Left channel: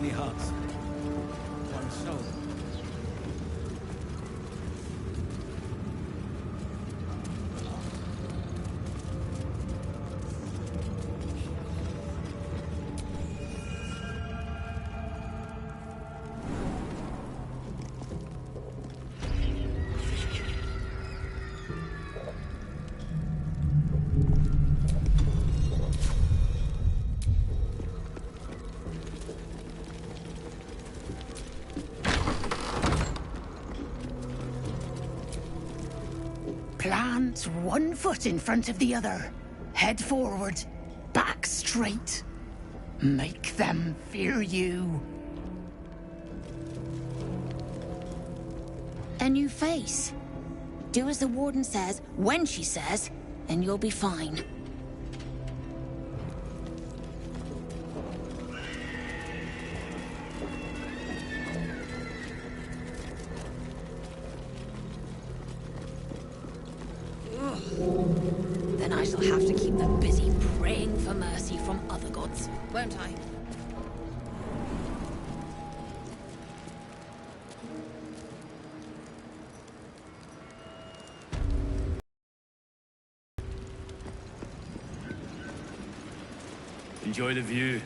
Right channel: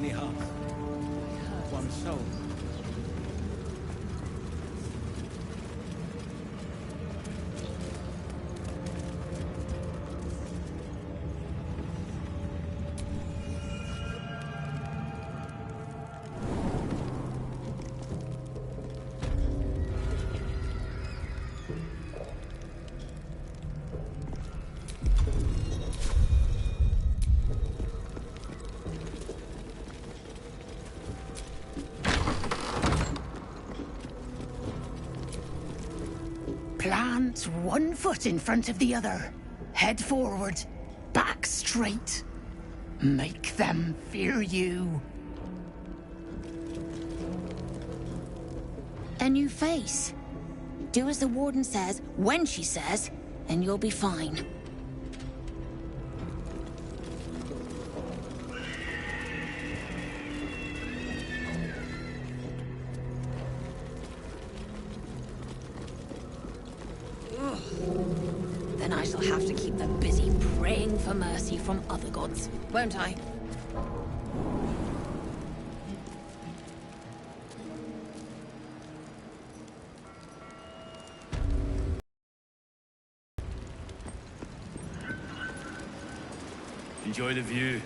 many hearts, one soul. Plant one foot in front of the other. Head forward. Back straight. Make them fear you. A new face. Do as the warden says, when she says, and you'll be fine. Then I shall have to keep them busy praying for mercy from other gods, won't I? Enjoy the view.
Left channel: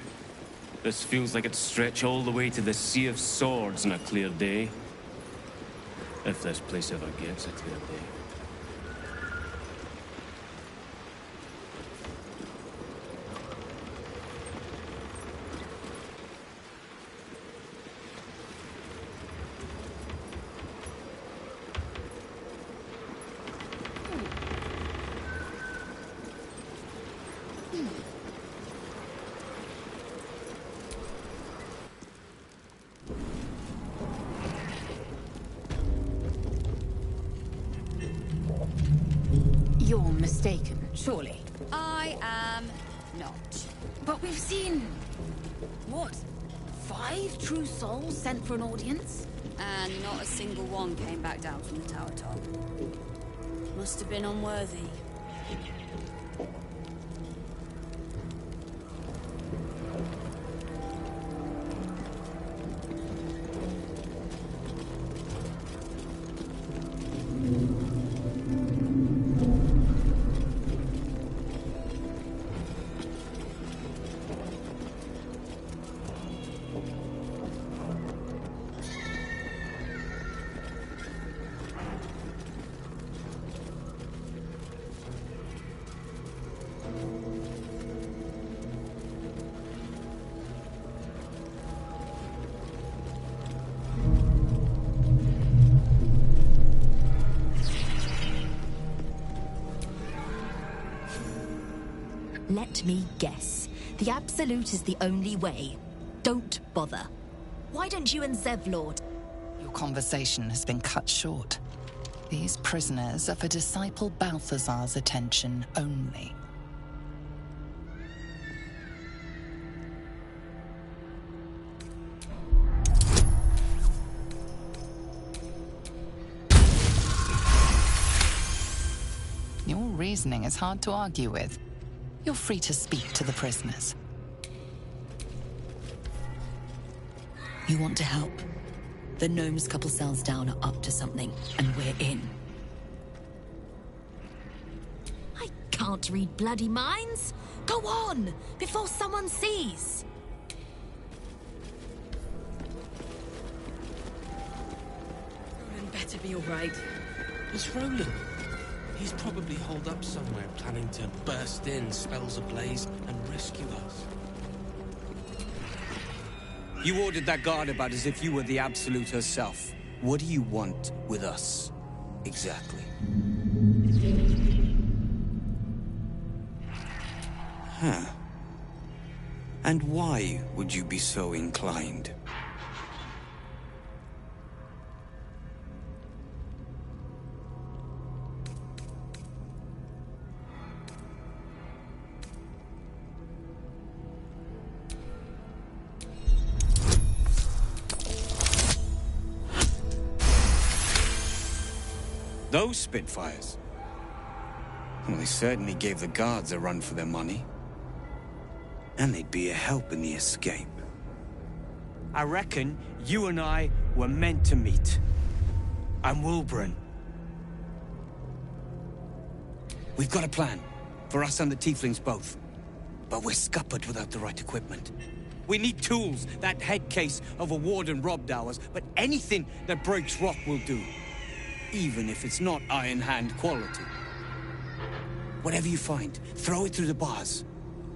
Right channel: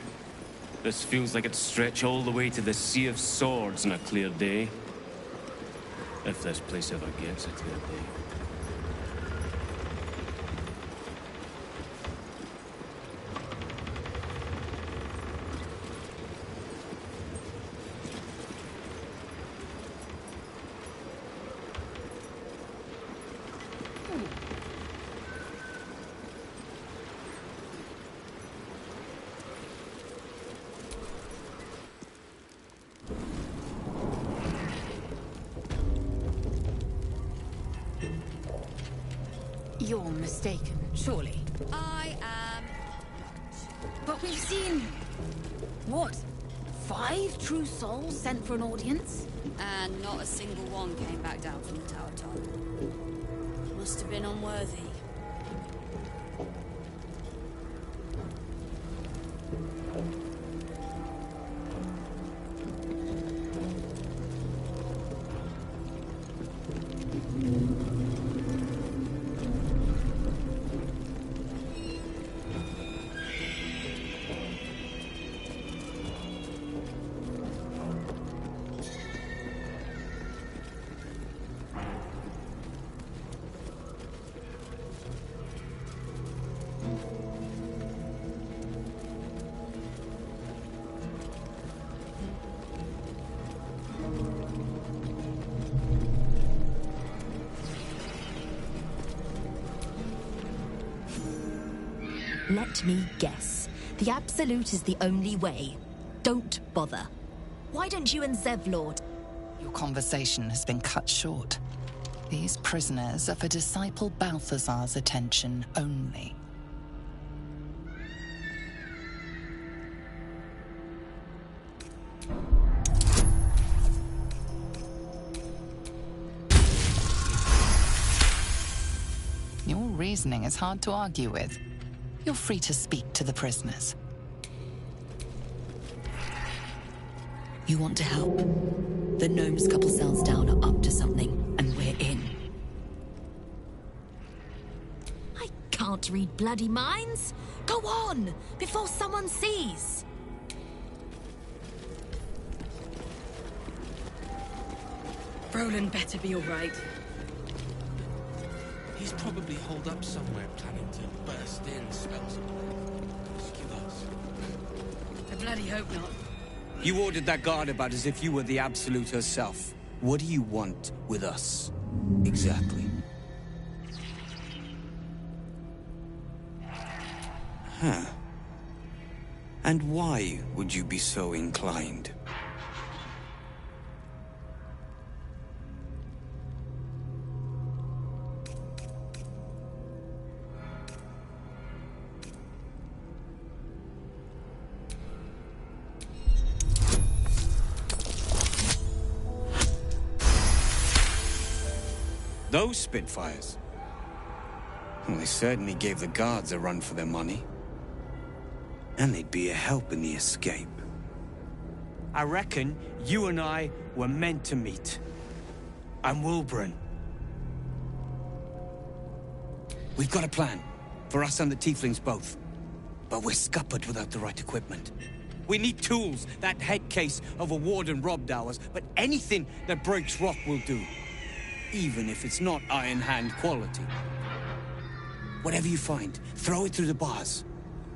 This feels like it'd stretch all the way to the Sea of Swords on a clear day. If this place ever gets a clear day. You're mistaken, surely. I am not. But we've seen... what? 5 true souls sent for an audience? And not a single one came back down from the tower top. Must have been unworthy. Let me guess. The Absolute is the only way. Don't bother. Why don't you and Zevlord? Your conversation has been cut short. These prisoners are for Disciple Balthazar's attention only. Your reasoning is hard to argue with. You're free to speak to the prisoners. You want to help? The gnomes couple cells down are up to something, and we're in. I can't read bloody minds. Go on, before someone sees. Roland better be all right. What's Roland? He's probably holed up somewhere, planning to burst in, spells ablaze, and rescue us. I bloody hope not. You ordered that guard about as if you were the Absolute herself. What do you want with us? Exactly. Huh. And why would you be so inclined? Those Spitfires? Well, they certainly gave the guards a run for their money. And they'd be a help in the escape. I reckon you and I were meant to meet. I'm Wilburn. We've got a plan. For us and the Tieflings both. But we're scuppered without the right equipment. We need tools. That head case of a warden robbed ours, but anything that breaks rock will do. Even if it's not Iron Hand quality. Whatever you find, throw it through the bars.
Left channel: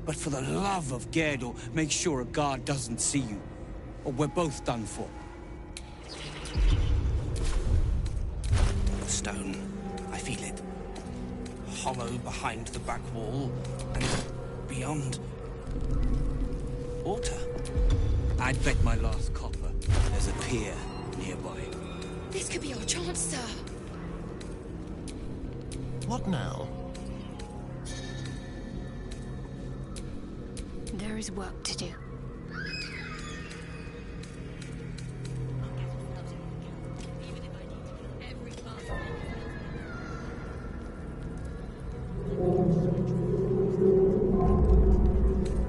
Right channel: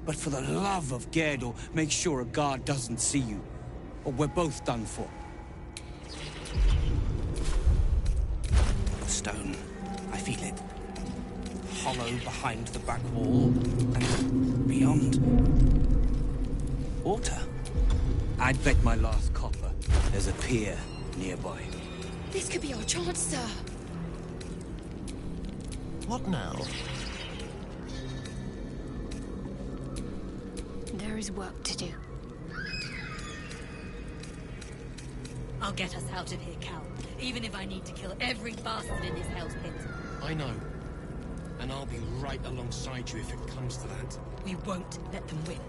But for the love of Gerdor, make sure a guard doesn't see you. Or we're both done for. Stone. I feel it. Hollow behind the back wall, and beyond. Water. I'd bet my last copper there's a pier nearby. This could be our chance, sir. What now? There is work to do. I'll get us out of here, Cal. Even if I need to kill every bastard in this hell's pit. I know. And I'll be right alongside you if it comes to that. We won't let them win.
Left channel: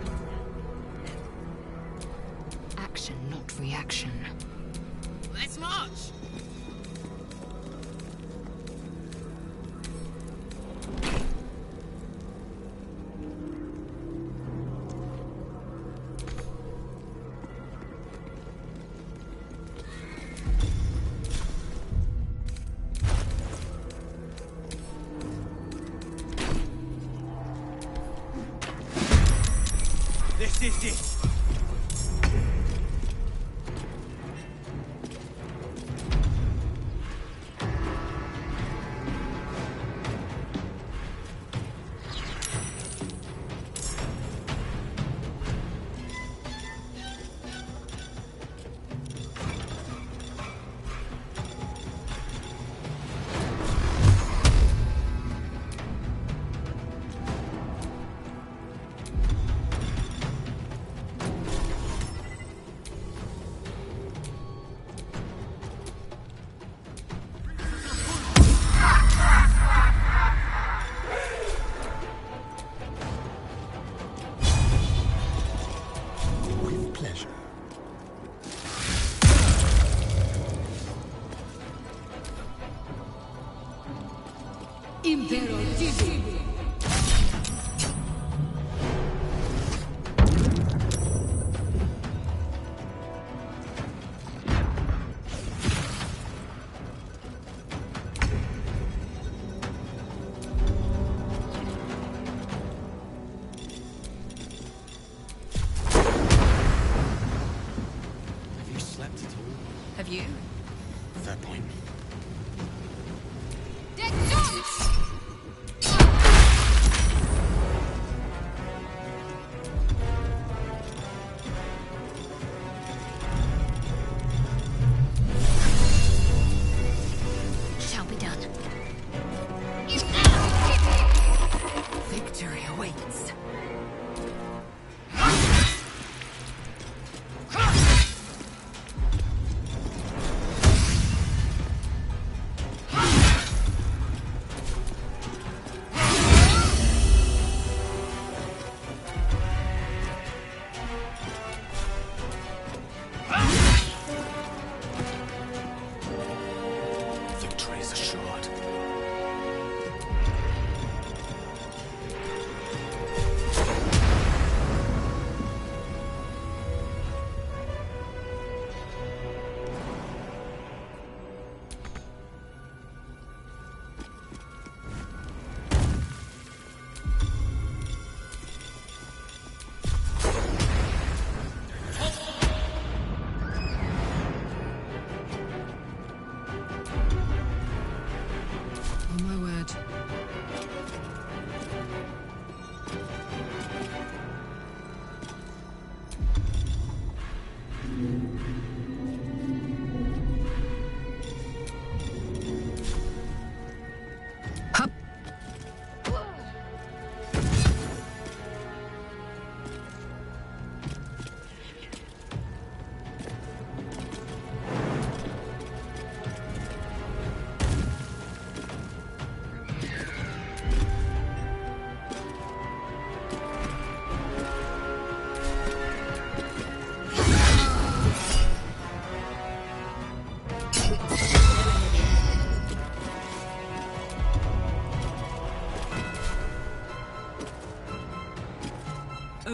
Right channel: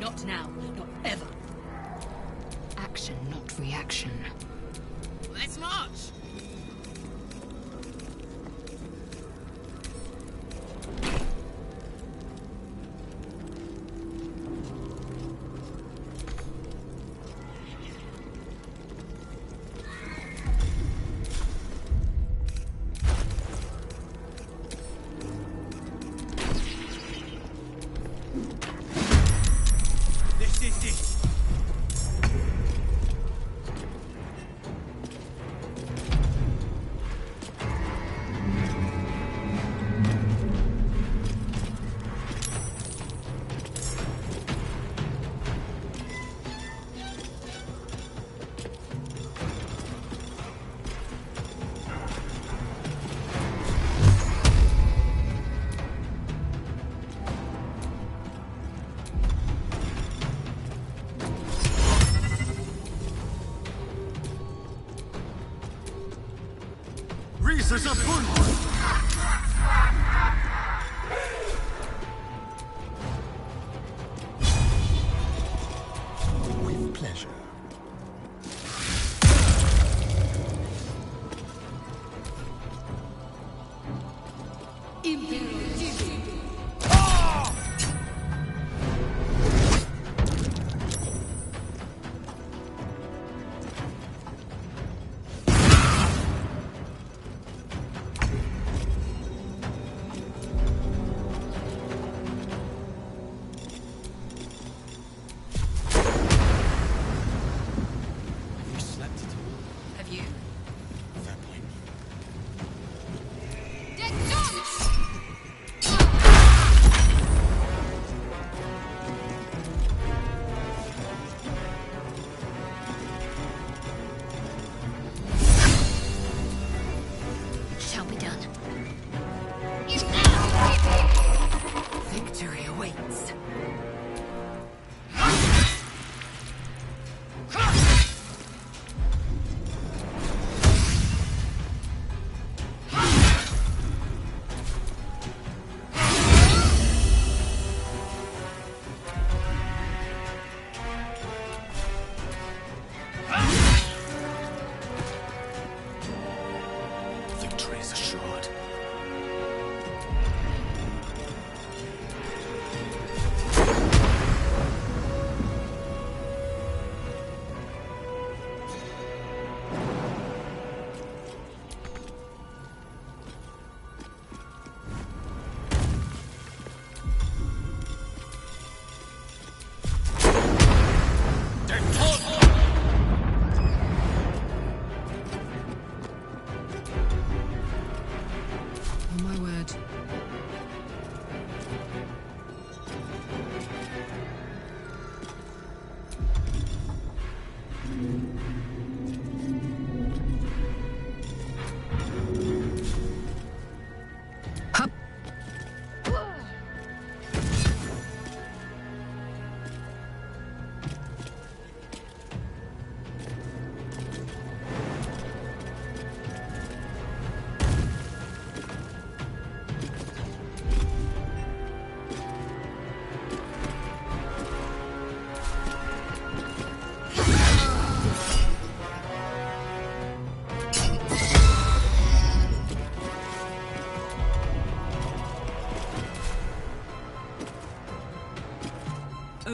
Not now, not ever. Action, not reaction. Let's march! This is it! With pleasure. Impero Tibi. Have you slept at all? Have you? Fair point. Shall be done. Victory awaits. Victory is assured.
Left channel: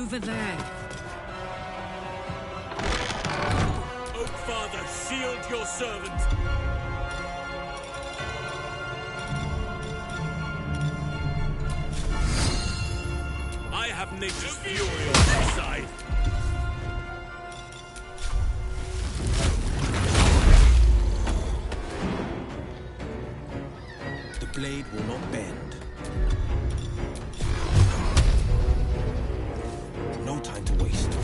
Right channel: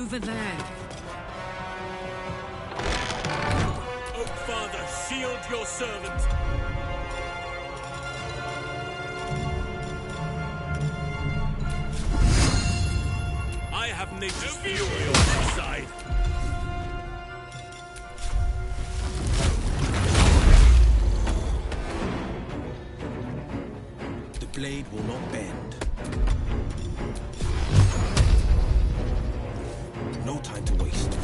over there. Oak Father, shield your servant! I have nature's fury on my side. The blade will not bend. No time to waste.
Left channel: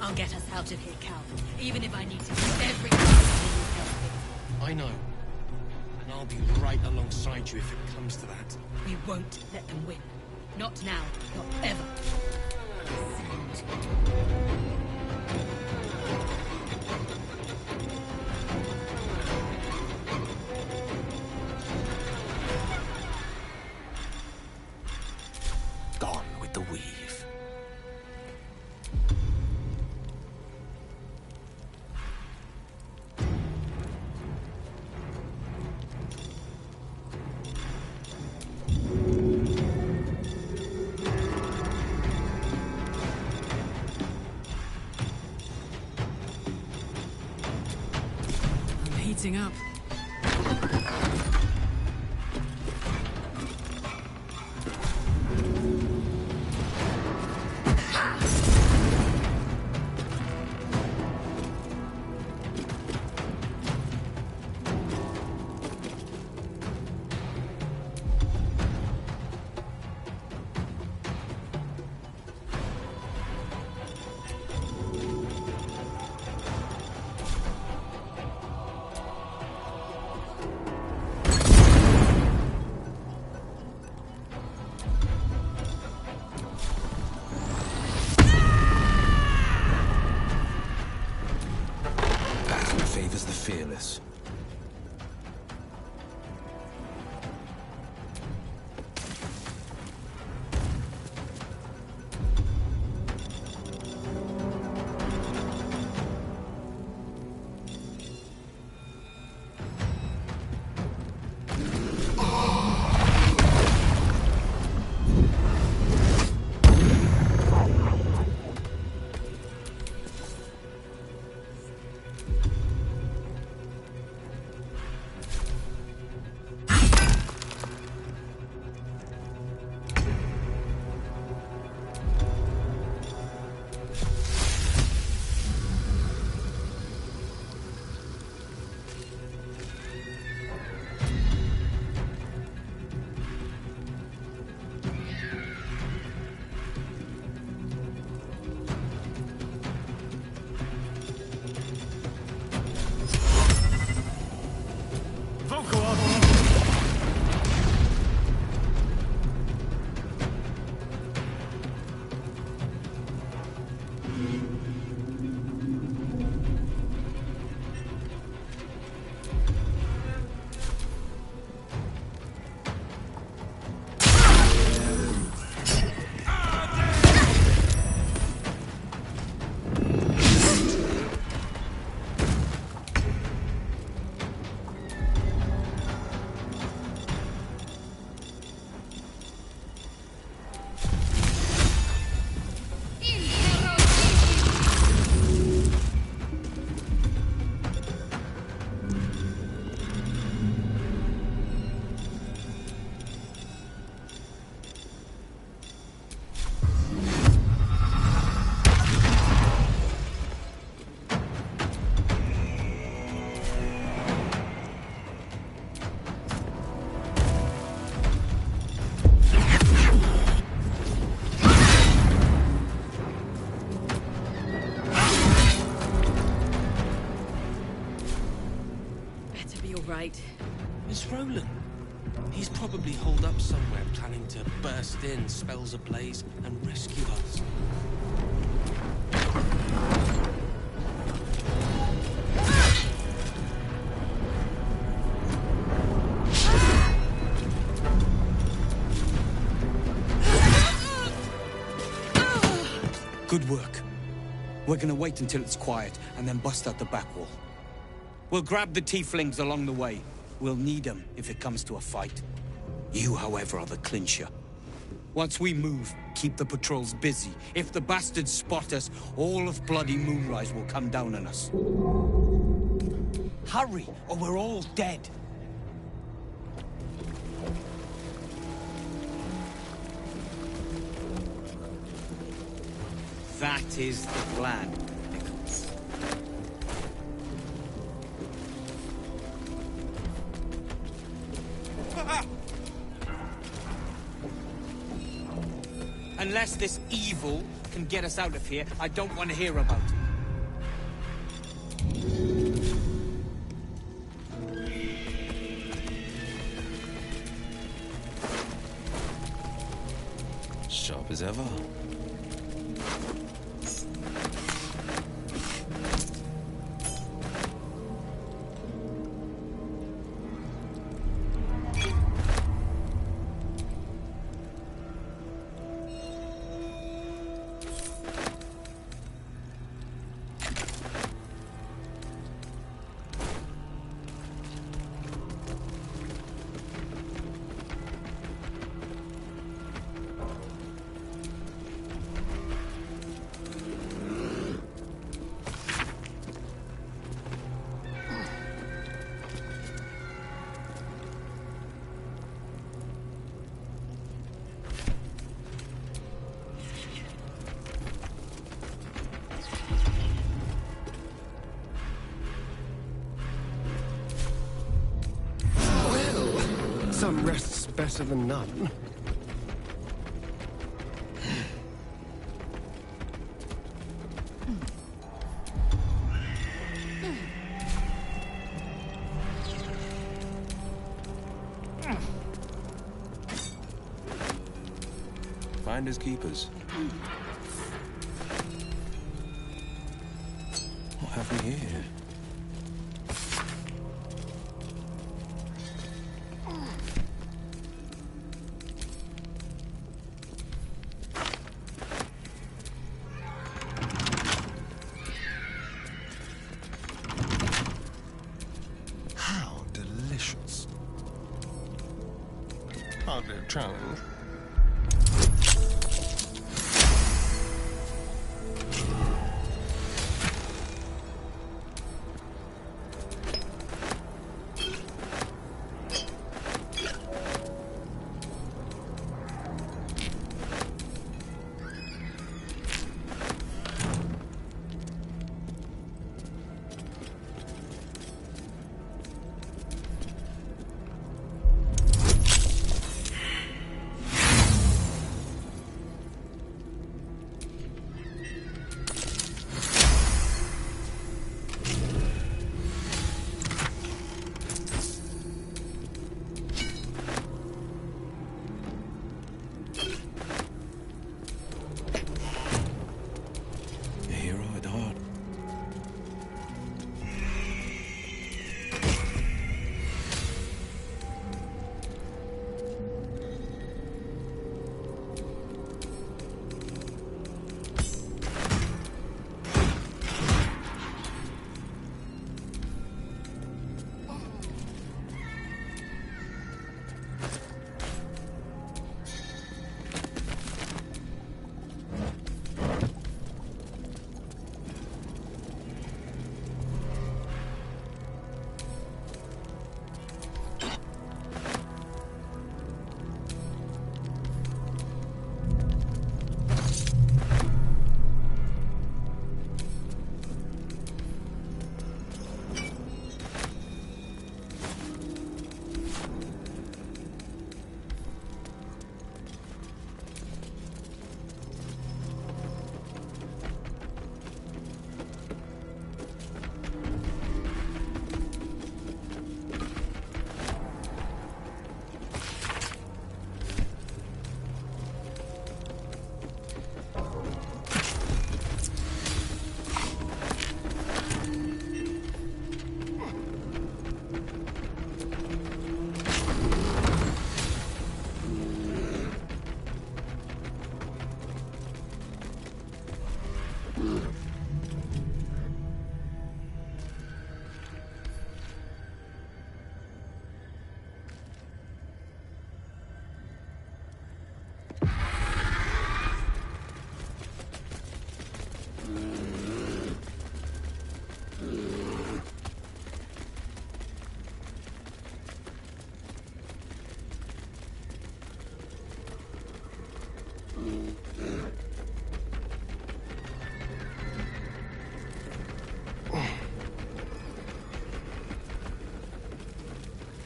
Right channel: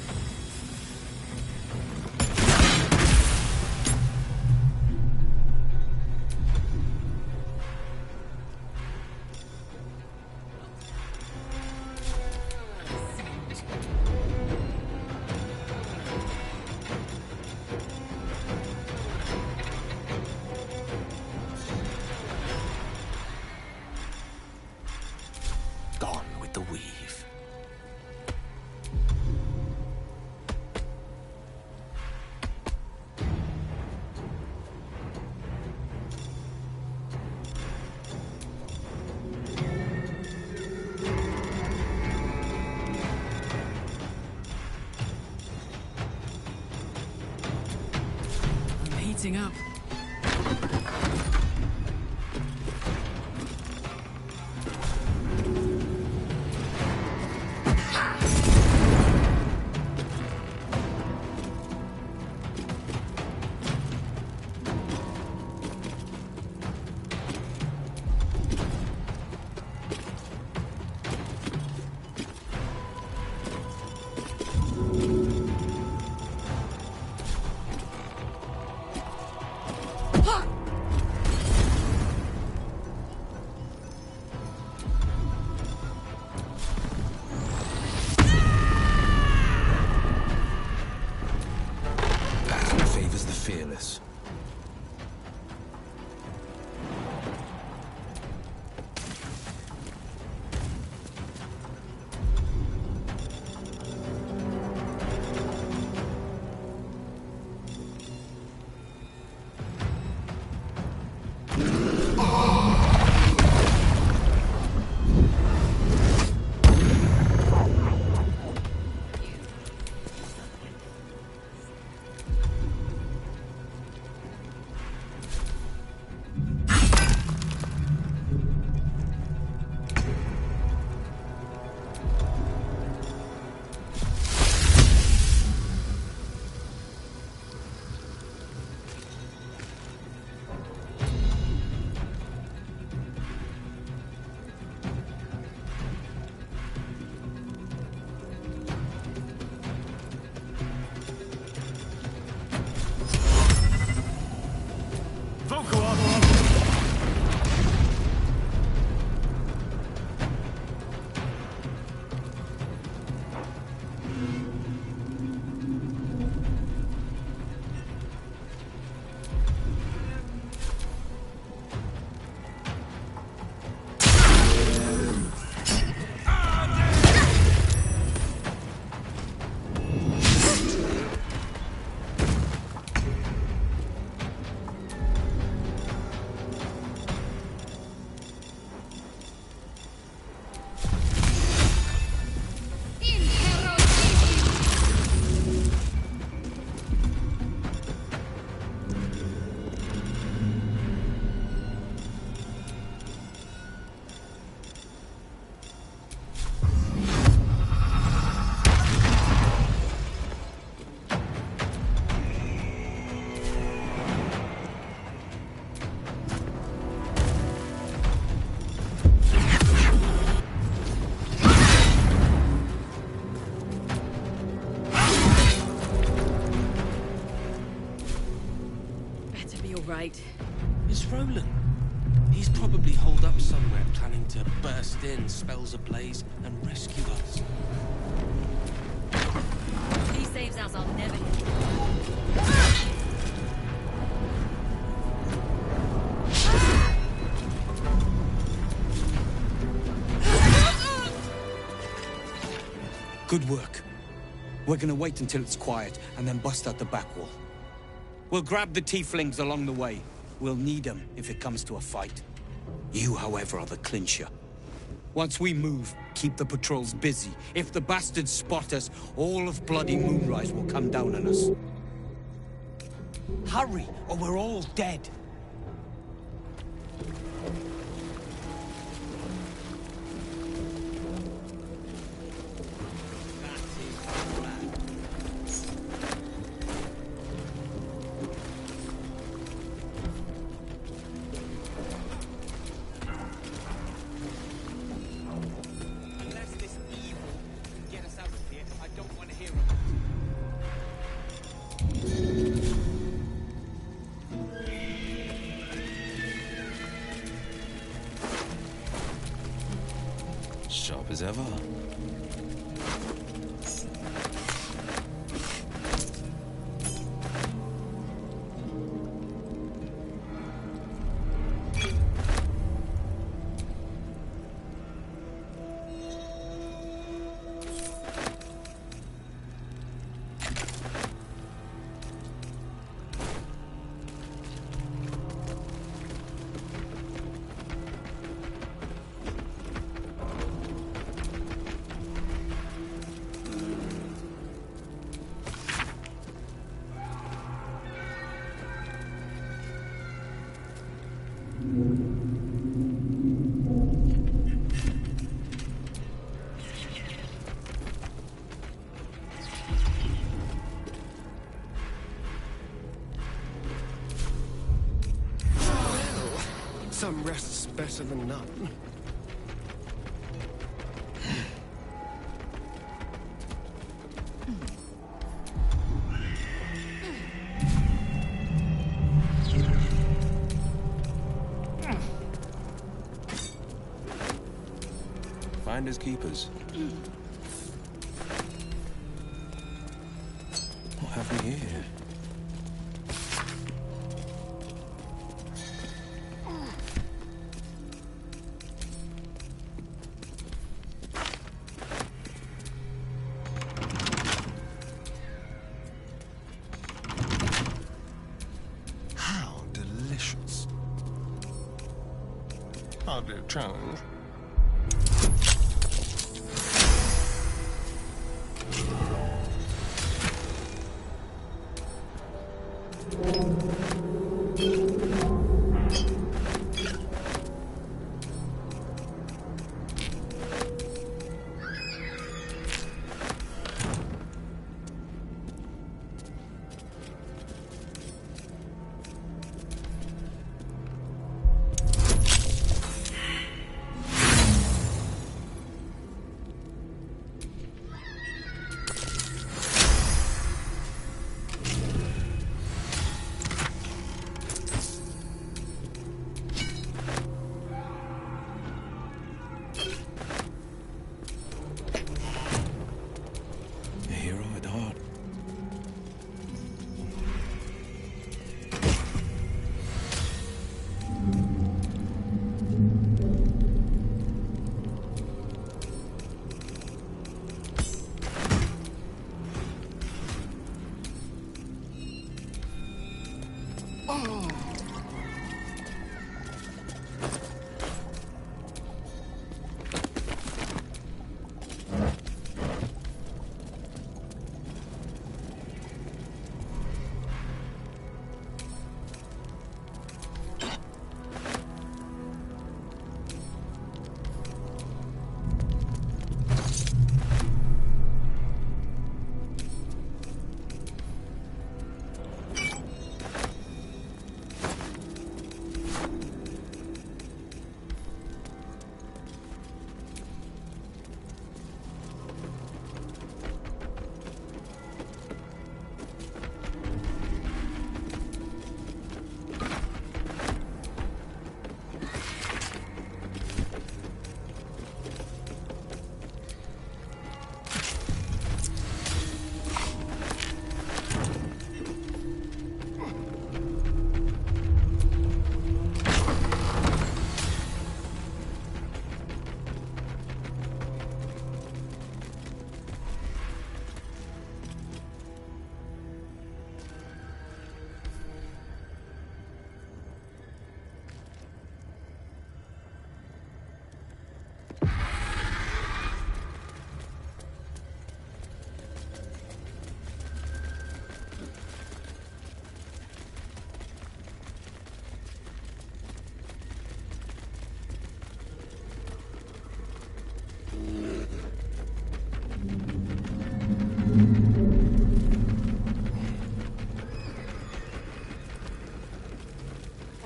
I'll get us out of here, Cal. Even if I need to. I know. And I'll be right alongside you if it comes to that. We won't let them win. Not now, not ever. Gone with the weave. I'm heating up. Battle favors the fearless. to be all right. It's Roland. He's probably holed up somewhere, planning to burst in, spells ablaze, and rescue us. He saves us on never. Good work. We're gonna wait until it's quiet, and then bust out the back wall. We'll grab the tieflings along the way. We'll need them if it comes to a fight. You, however, are the clincher. Once we move, keep the patrols busy. If the bastards spot us, all of bloody Moonrise will come down on us. Hurry, or we're all dead. That is the plan. Unless this evil can get us out of here, I don't want to hear about it. Sharp as ever. Some rest's better than none. Finders keepers. What have we here? How delicious. Hardly a challenge. A hero at heart.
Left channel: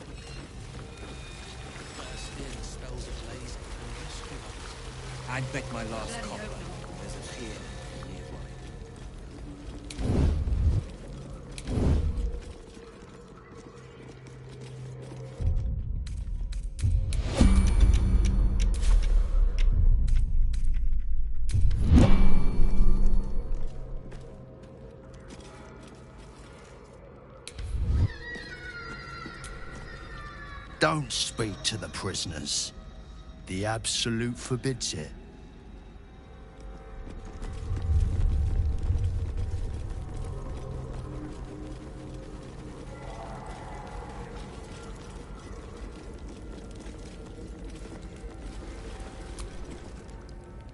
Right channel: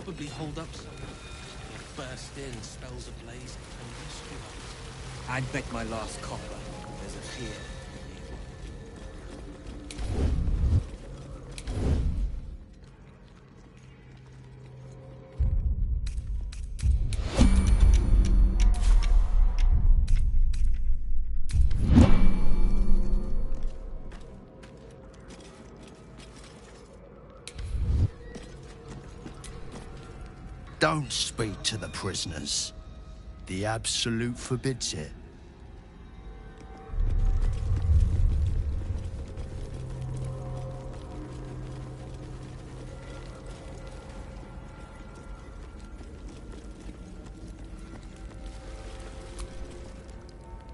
Probably hold up somewhere. Burst in, spells ablaze, and rescue us. I'd bet my last copper there's a pier nearby. Don't speak to the prisoners. The Absolute forbids it.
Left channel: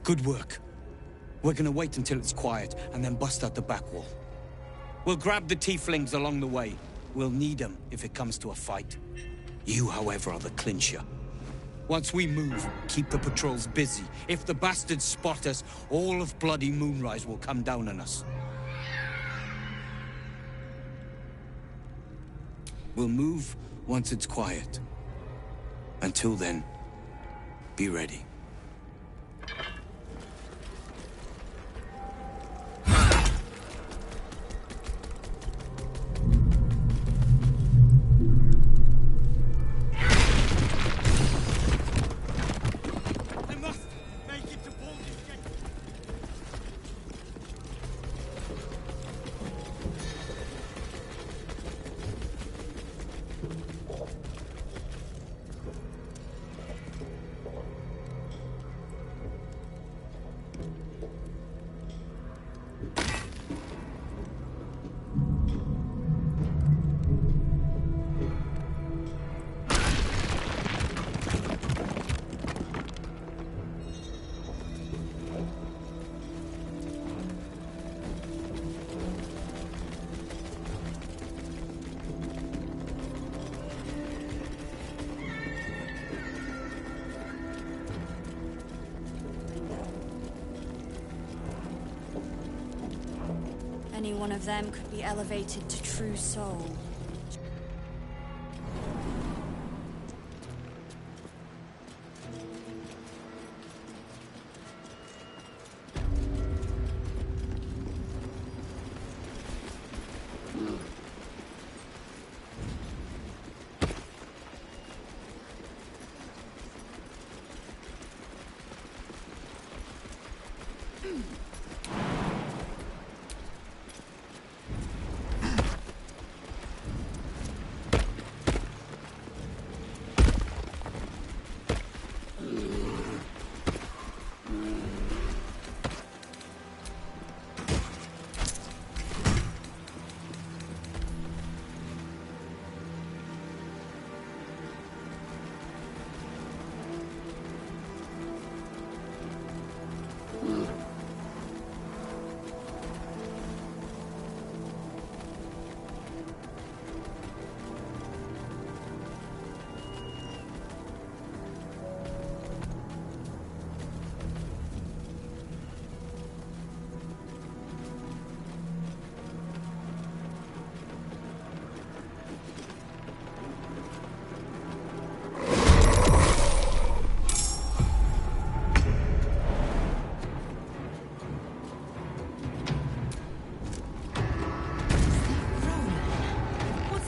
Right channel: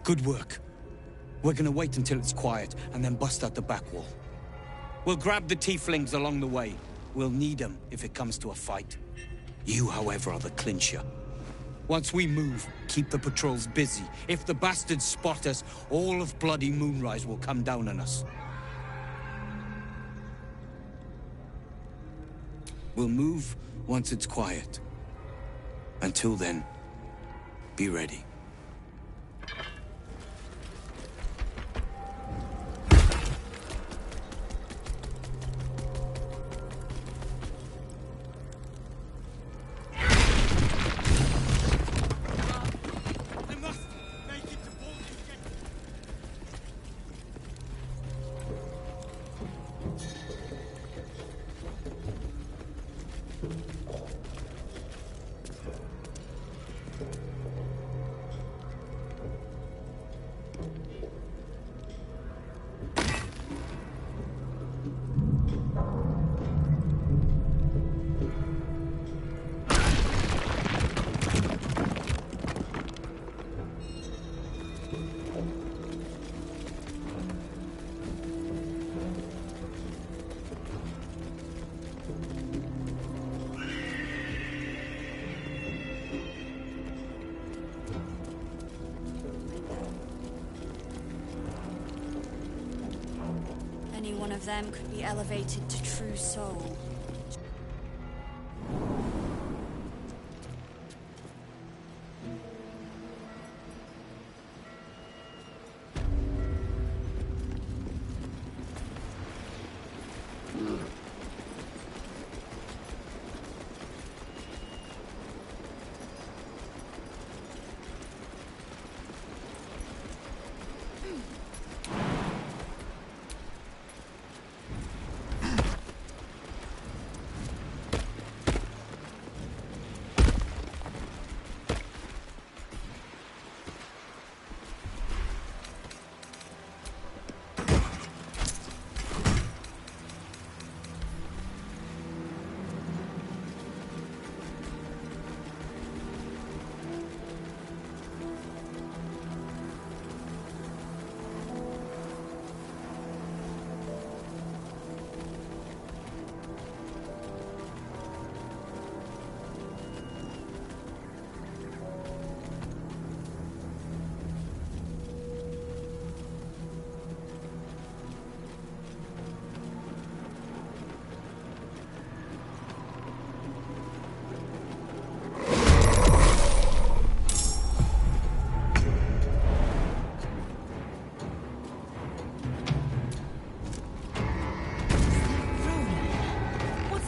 Good work. We're gonna wait until it's quiet, and then bust out the back wall. We'll grab the tieflings along the way. We'll need them if it comes to a fight. You, however, are the clincher. Once we move, keep the patrols busy. If the bastards spot us, all of bloody Moonrise will come down on us. We'll move once it's quiet. Until then, be ready. Any one of them could be elevated to true soul.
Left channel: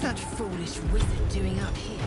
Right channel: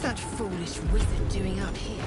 That foolish wizard doing up here?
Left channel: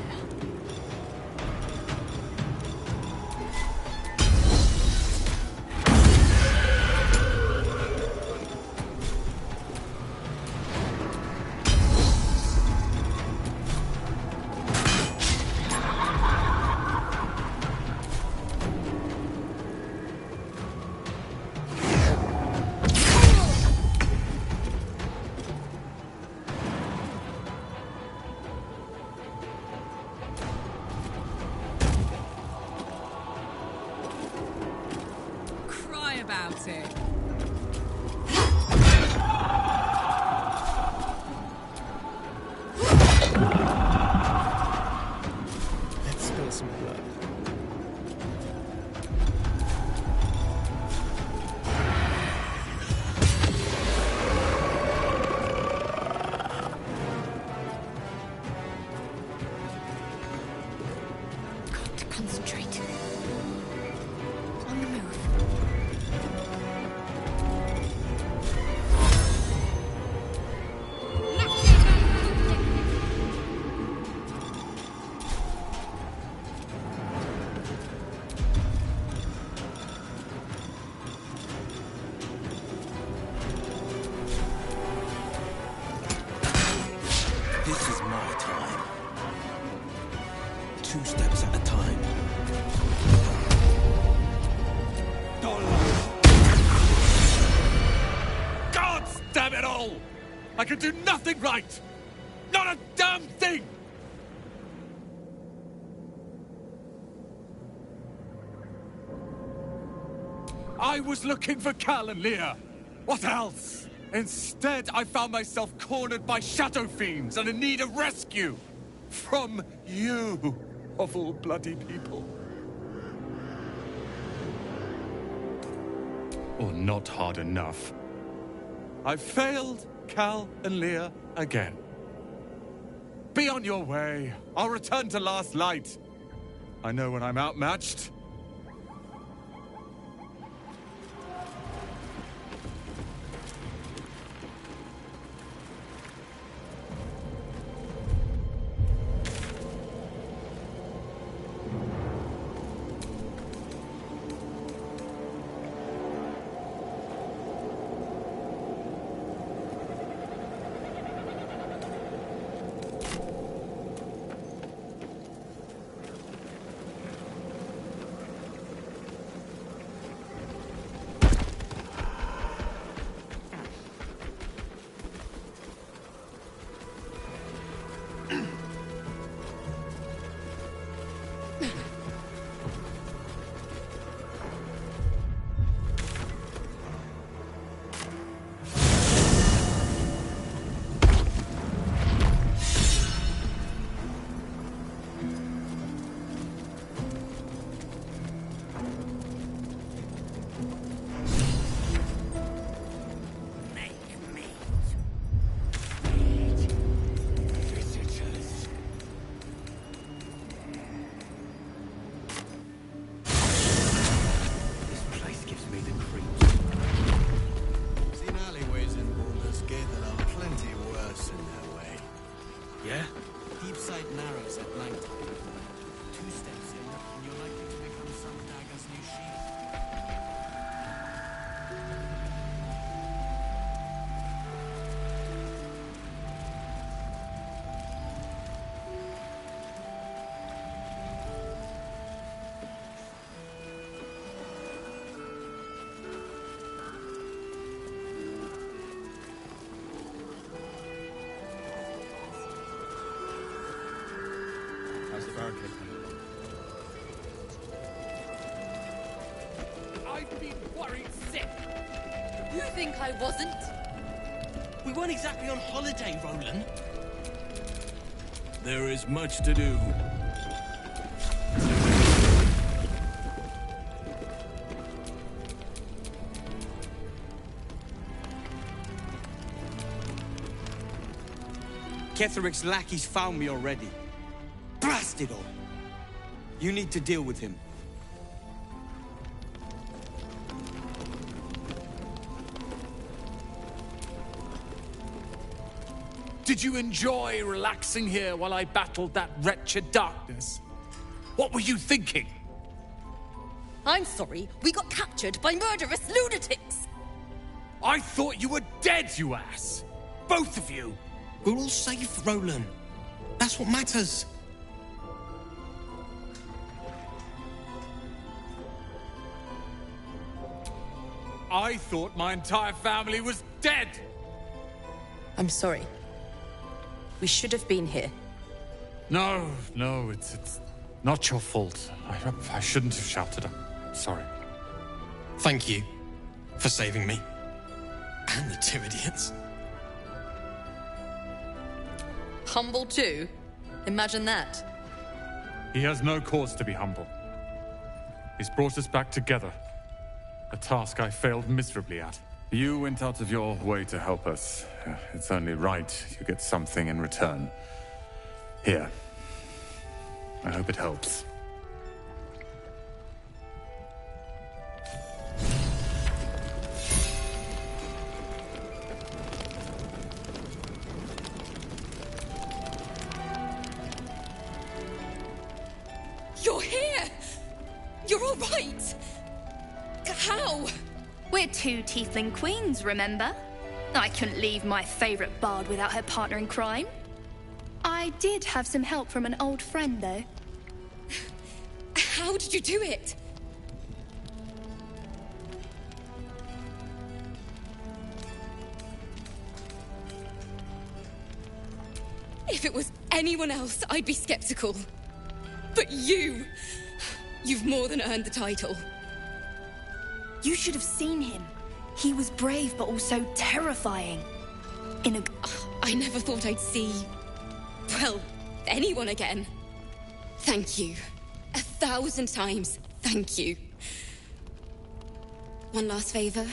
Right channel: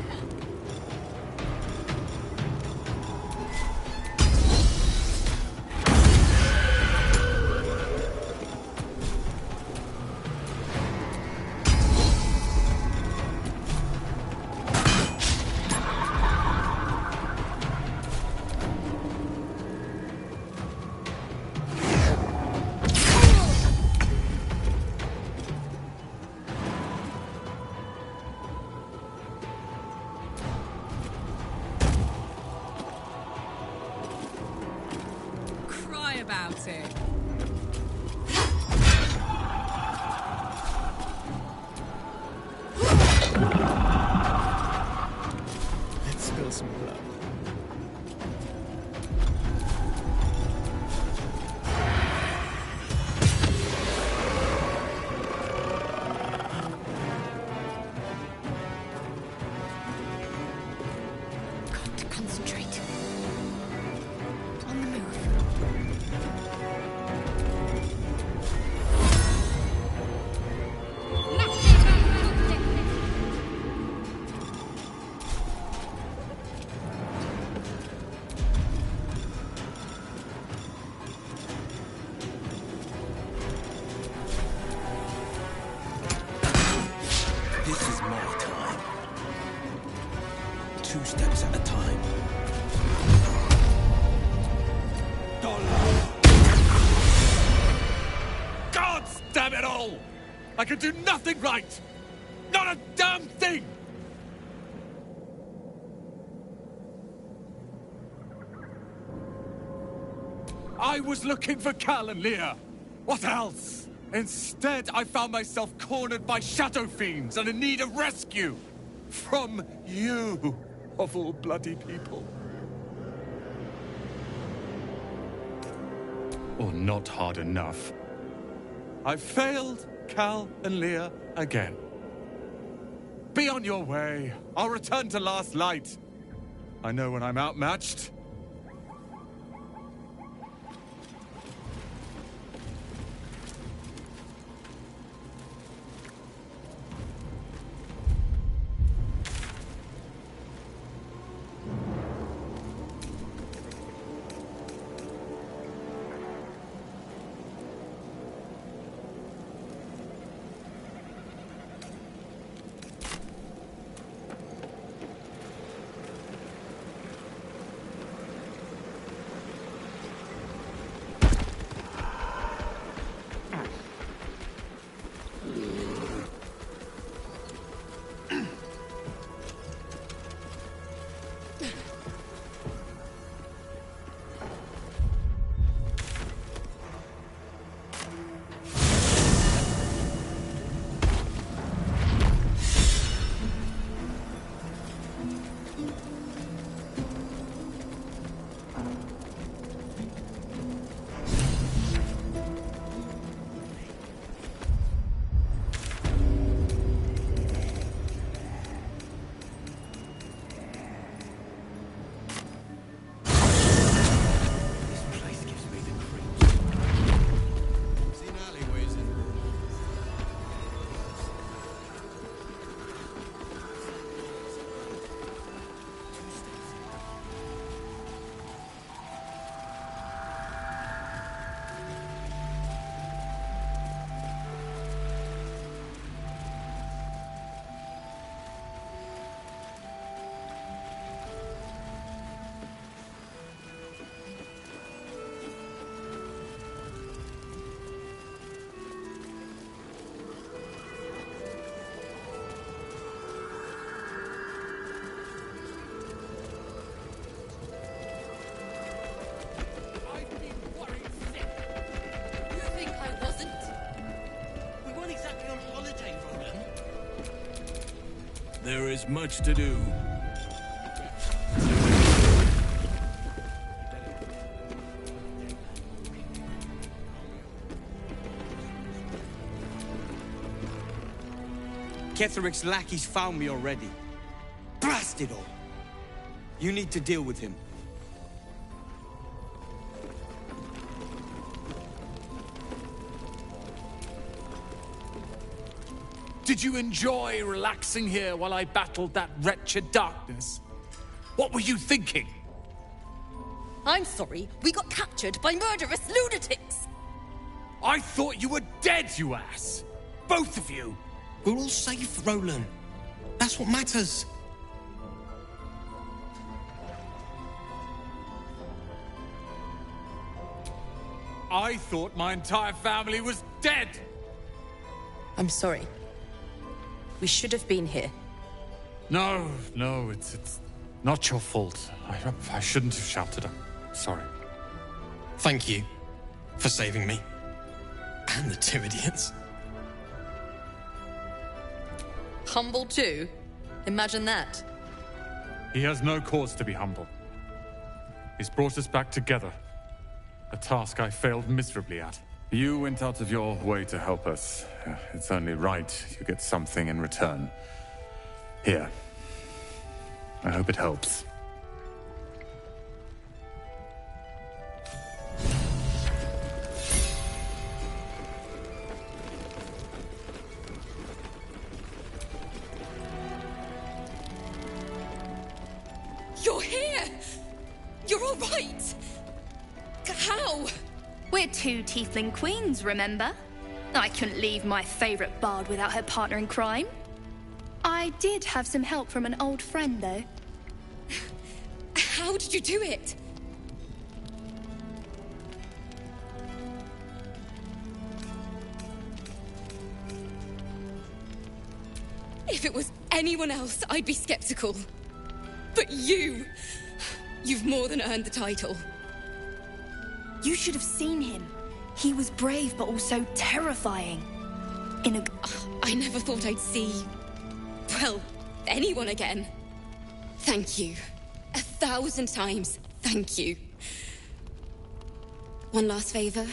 Let's spill some blood. Got to concentrate. On the move. This is my time. 2 steps at a time. God damn it all! I can do nothing right! Not a damn thing! I was looking for Cal and Leah. What else? Instead, I found myself cornered by shadow fiends and in need of rescue. From you, of all bloody people. Or not hard enough. I failed Cal and Leah again. Be on your way. I'll return to Last Light. I know when I'm outmatched. I wasn't. We weren't exactly on holiday, Roland. There is much to do. Ketheric's lackeys found me already. Blast it all! You need to deal with him. Did you enjoy relaxing here while I battled that wretched darkness? What were you thinking? I'm sorry, we got captured by murderous lunatics! I thought you were dead, you ass! Both of you! We're all safe, Roland. That's what matters. I thought my entire family was dead! I'm sorry. We should have been here. No, it's not your fault. I shouldn't have shouted. I'm sorry. Thank you For saving me. And the Tyridians. Humble too? Imagine that. He has no cause to be humble. He's brought us back together. A task I failed miserably at. You went out of your way to help us. It's only right you get something in return. Here. I hope it helps. You're here! You're all right! How? We're two Tiefling queens, remember? I couldn't leave my favorite bard without her partner in crime. I did have some help from an old friend, though. How did you do it? If it was anyone else, I'd be skeptical. But you've more than earned the title. You should have seen him. He was brave, but also terrifying. I never thought I'd see, well, anyone again. Thank you. 1,000 times, thank you. One last favor.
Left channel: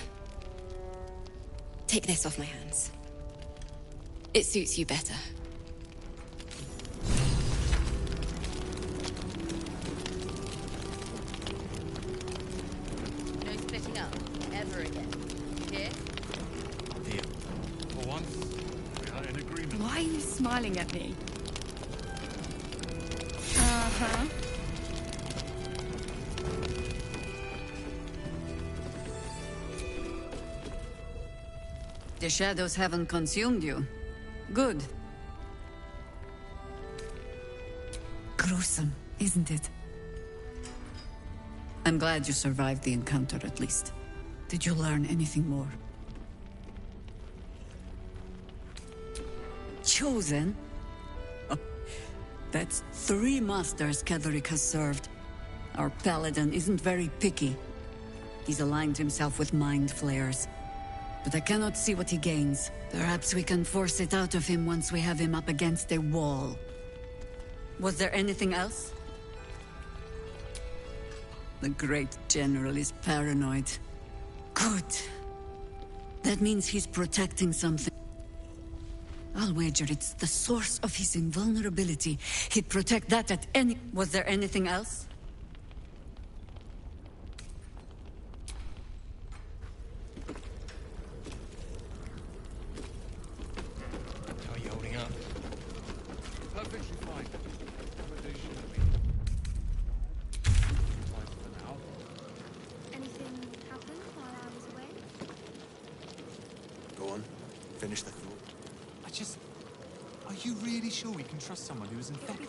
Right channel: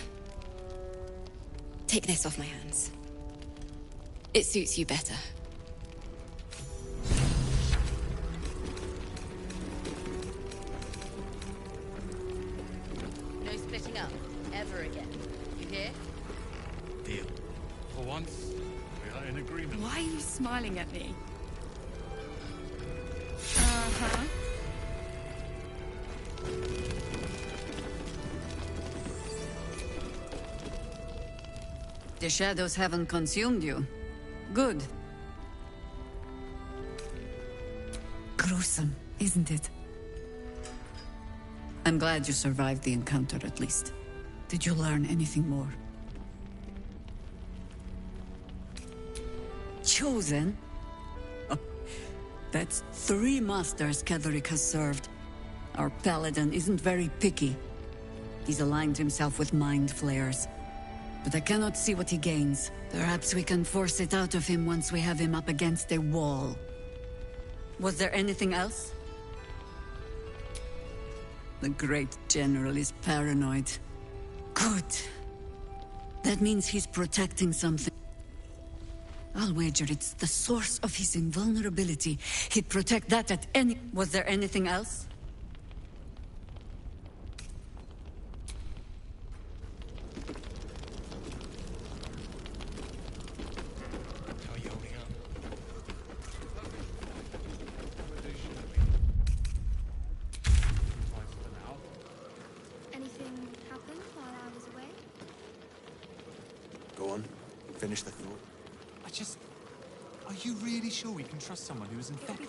Take this off my hands. It suits you better. No splitting up, ever again. You hear? Deal. For once, we are in agreement. Why are you smiling at me? Uh-huh. The shadows haven't consumed you. Good. Gruesome, isn't it? I'm glad you survived the encounter, at least. Did you learn anything more? Chosen? Oh, that's 3 masters Ketherick has served. Our paladin isn't very picky. He's aligned himself with mind flayers. But I cannot see what he gains. Perhaps we can force it out of him once we have him up against a wall. Was there anything else? The great general is paranoid. Good. That means he's protecting something. I'll wager it's the source of his invulnerability. He'd protect that at any... Was there anything else? How are you holding up? Perfectly fine. Anything happened while I was away? Go on. Finish the thought. Are you really sure we can trust someone who is infected?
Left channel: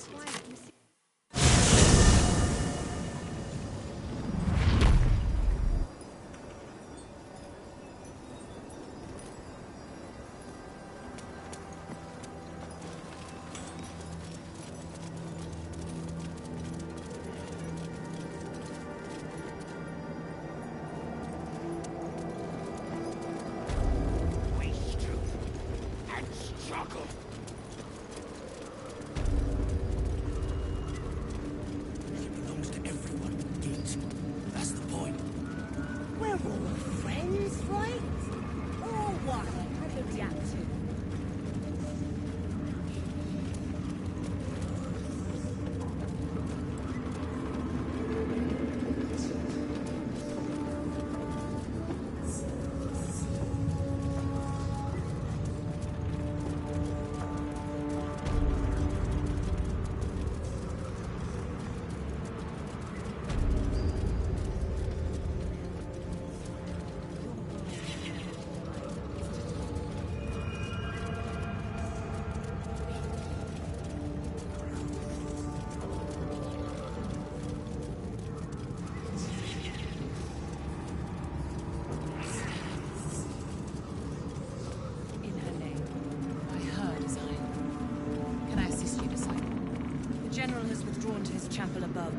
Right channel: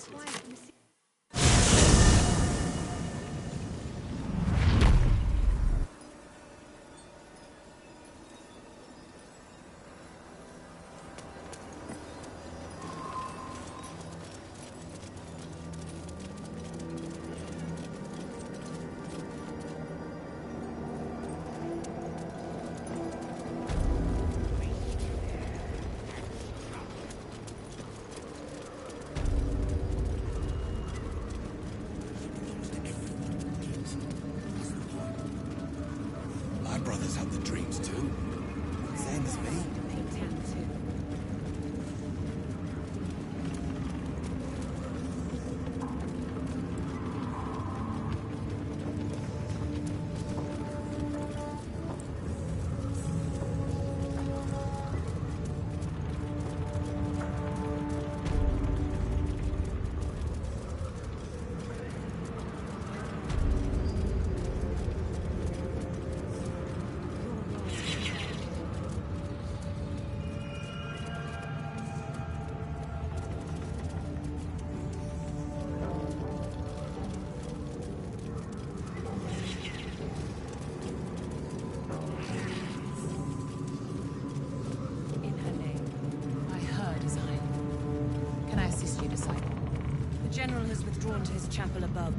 General has withdrawn to his chapel above.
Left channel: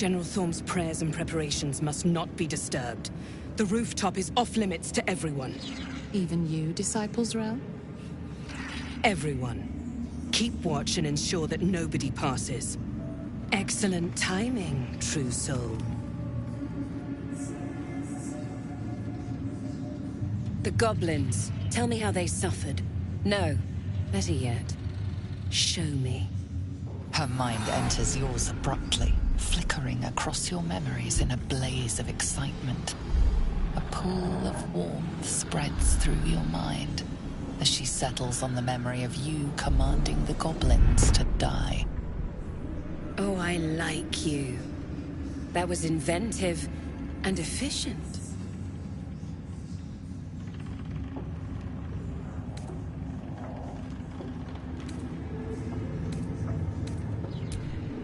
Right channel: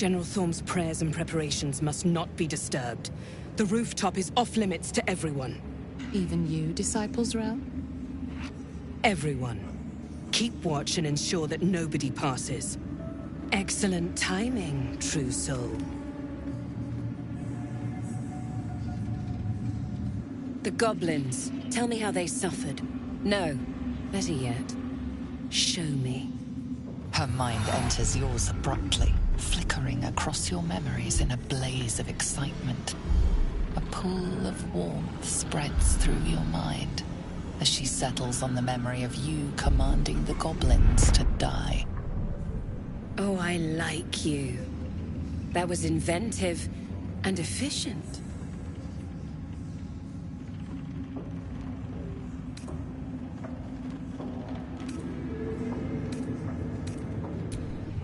General Thorm's prayers and preparations must not be disturbed. The rooftop is off-limits to everyone. Even you, Disciples Realm? Everyone. Keep watch and ensure that nobody passes. Excellent timing, true soul. The goblins. Tell me how they suffered. No, better yet, show me. Her mind enters yours abruptly, flickering across your memories in a blaze of excitement. A pool of warmth spreads through your mind as she settles on the memory of you commanding the goblins to die. Oh, I like you. That was inventive and efficient.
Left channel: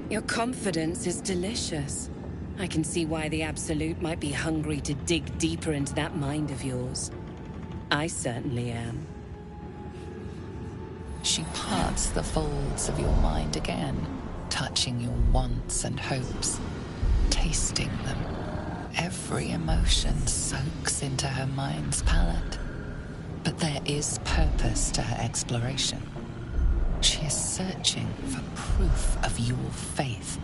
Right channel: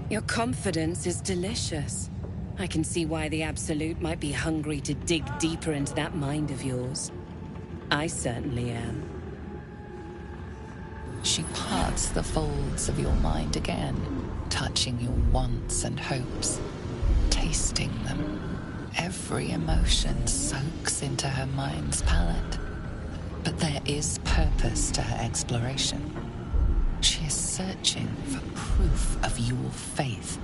Your confidence is delicious. I can see why the Absolute might be hungry to dig deeper into that mind of yours. I certainly am. She parts the folds of your mind again, touching your wants and hopes, tasting them. Every emotion soaks into her mind's palette. But there is purpose to her exploration. She is searching for proof of your faith.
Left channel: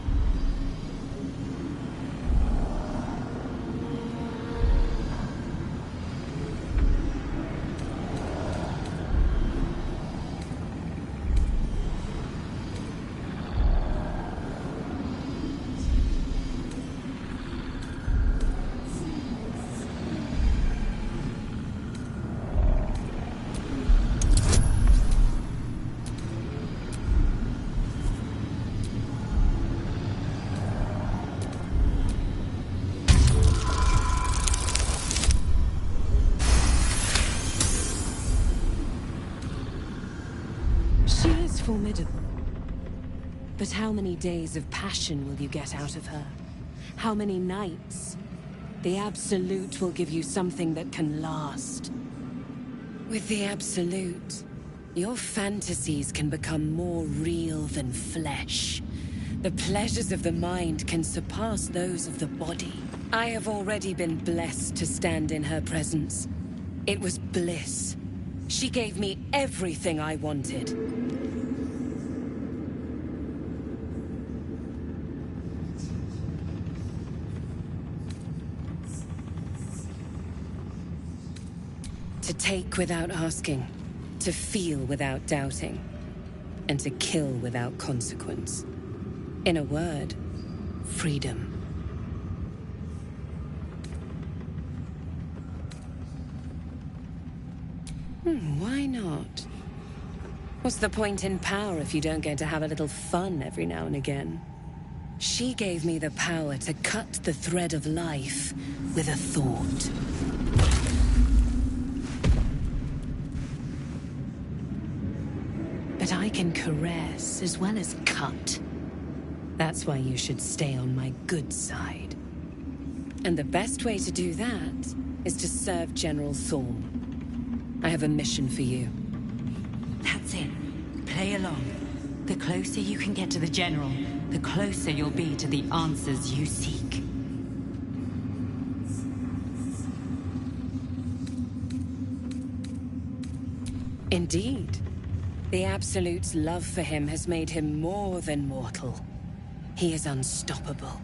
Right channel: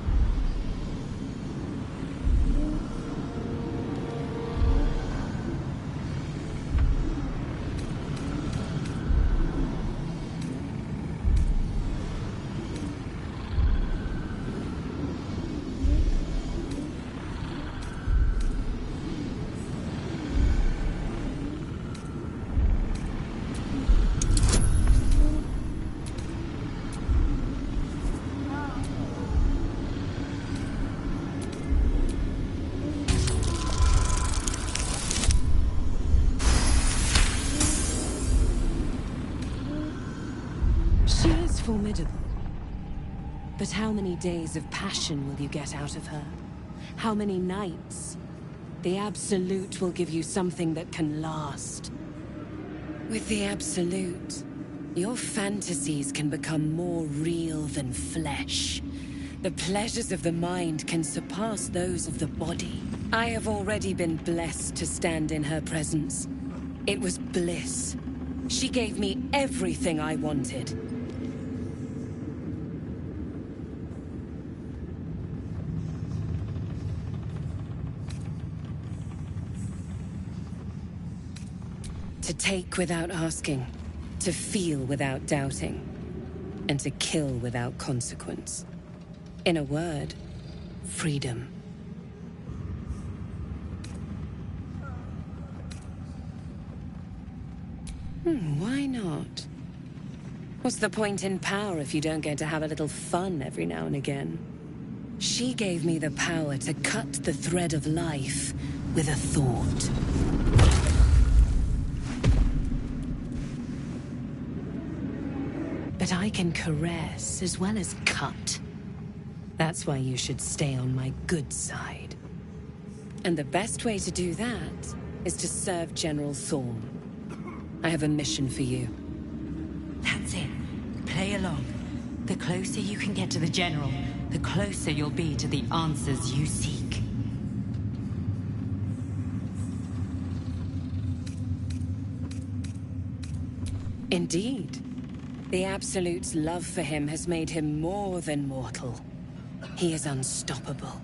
Formidable. But how many days of passion will you get out of her? How many nights? The Absolute will give you something that can last. With the Absolute, your fantasies can become more real than flesh. The pleasures of the mind can surpass those of the body. I have already been blessed to stand in her presence. It was bliss. She gave me everything I wanted. To take without asking, to feel without doubting, and to kill without consequence. In a word, freedom. Why not? What's the point in power if you don't get to have a little fun every now and again? She gave me the power to cut the thread of life with a thought. But I can caress as well as cut. That's why you should stay on my good side. And the best way to do that is to serve General Thorm. I have a mission for you. That's it. Play along. The closer you can get to the General, the closer you'll be to the answers you seek. Indeed. The Absolute's love for him has made him more than mortal. He is unstoppable.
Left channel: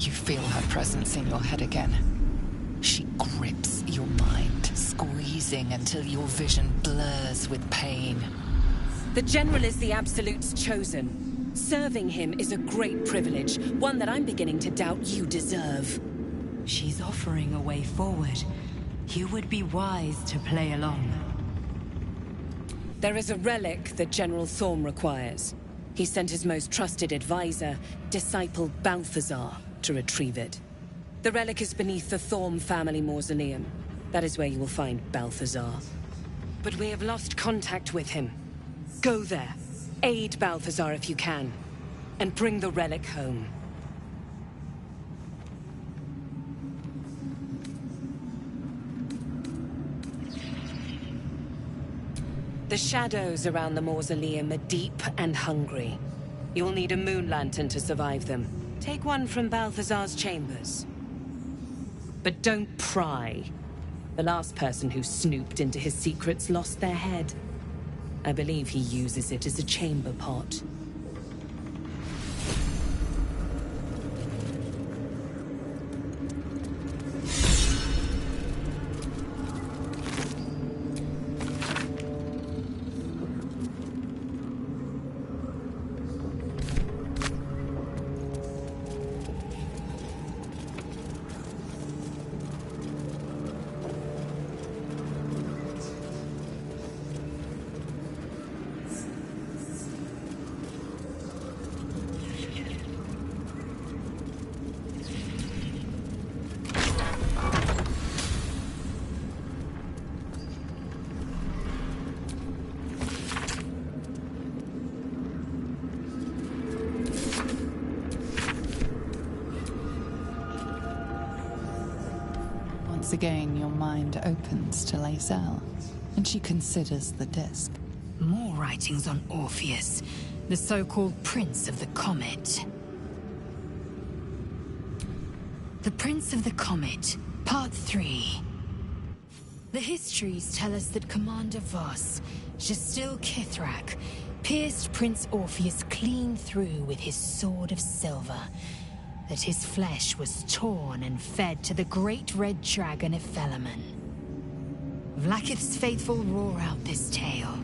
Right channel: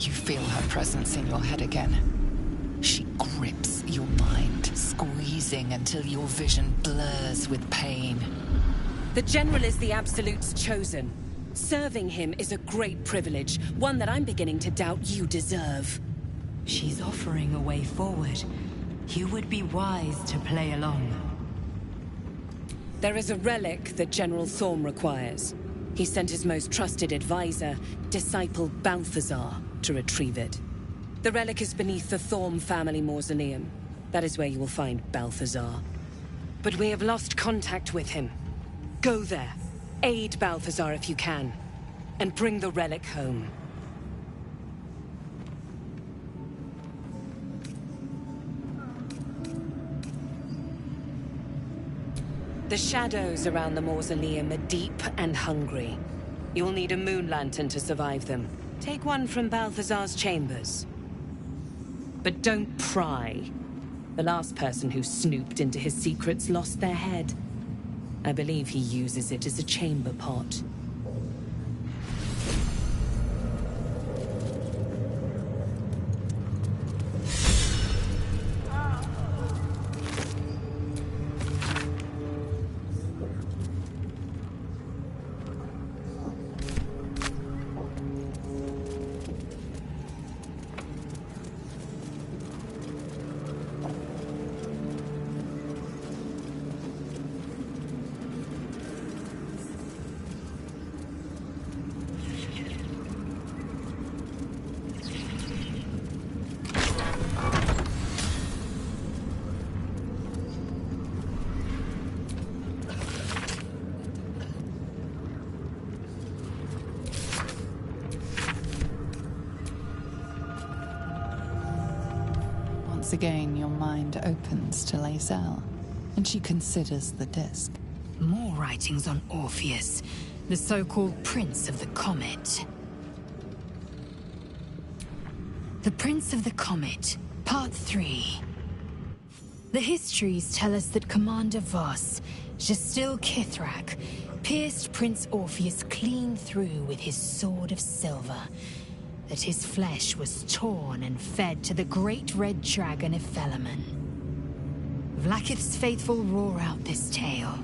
You feel her presence in your head again. She grips your mind, squeezing until your vision blurs with pain. The General is the Absolute's chosen. Serving him is a great privilege, one that I'm beginning to doubt you deserve. She's offering a way forward. You would be wise to play along. There is a relic that General Thorm requires. He sent his most trusted advisor, Disciple Balthazar, to retrieve it. The relic is beneath the Thorm family mausoleum. That is where you will find Balthazar. But we have lost contact with him. Go there. Aid Balthazar if you can, and bring the relic home. The shadows around the mausoleum are deep and hungry. You'll need a moon lantern to survive them. Take one from Balthazar's chambers. But don't pry. The last person who snooped into his secrets lost their head. I believe he uses it as a chamber pot. Once again, your mind opens to Lae'zel, and she considers the disc. More writings on Orpheus, the so-called Prince of the Comet. The Prince of the Comet, Part 3. The histories tell us that Commander Voss, Gestil Kithrak, pierced Prince Orpheus clean through with his sword of silver, that his flesh was torn and fed to the great red dragon Ephelaman. Vlaakith's faithful roar out this tale,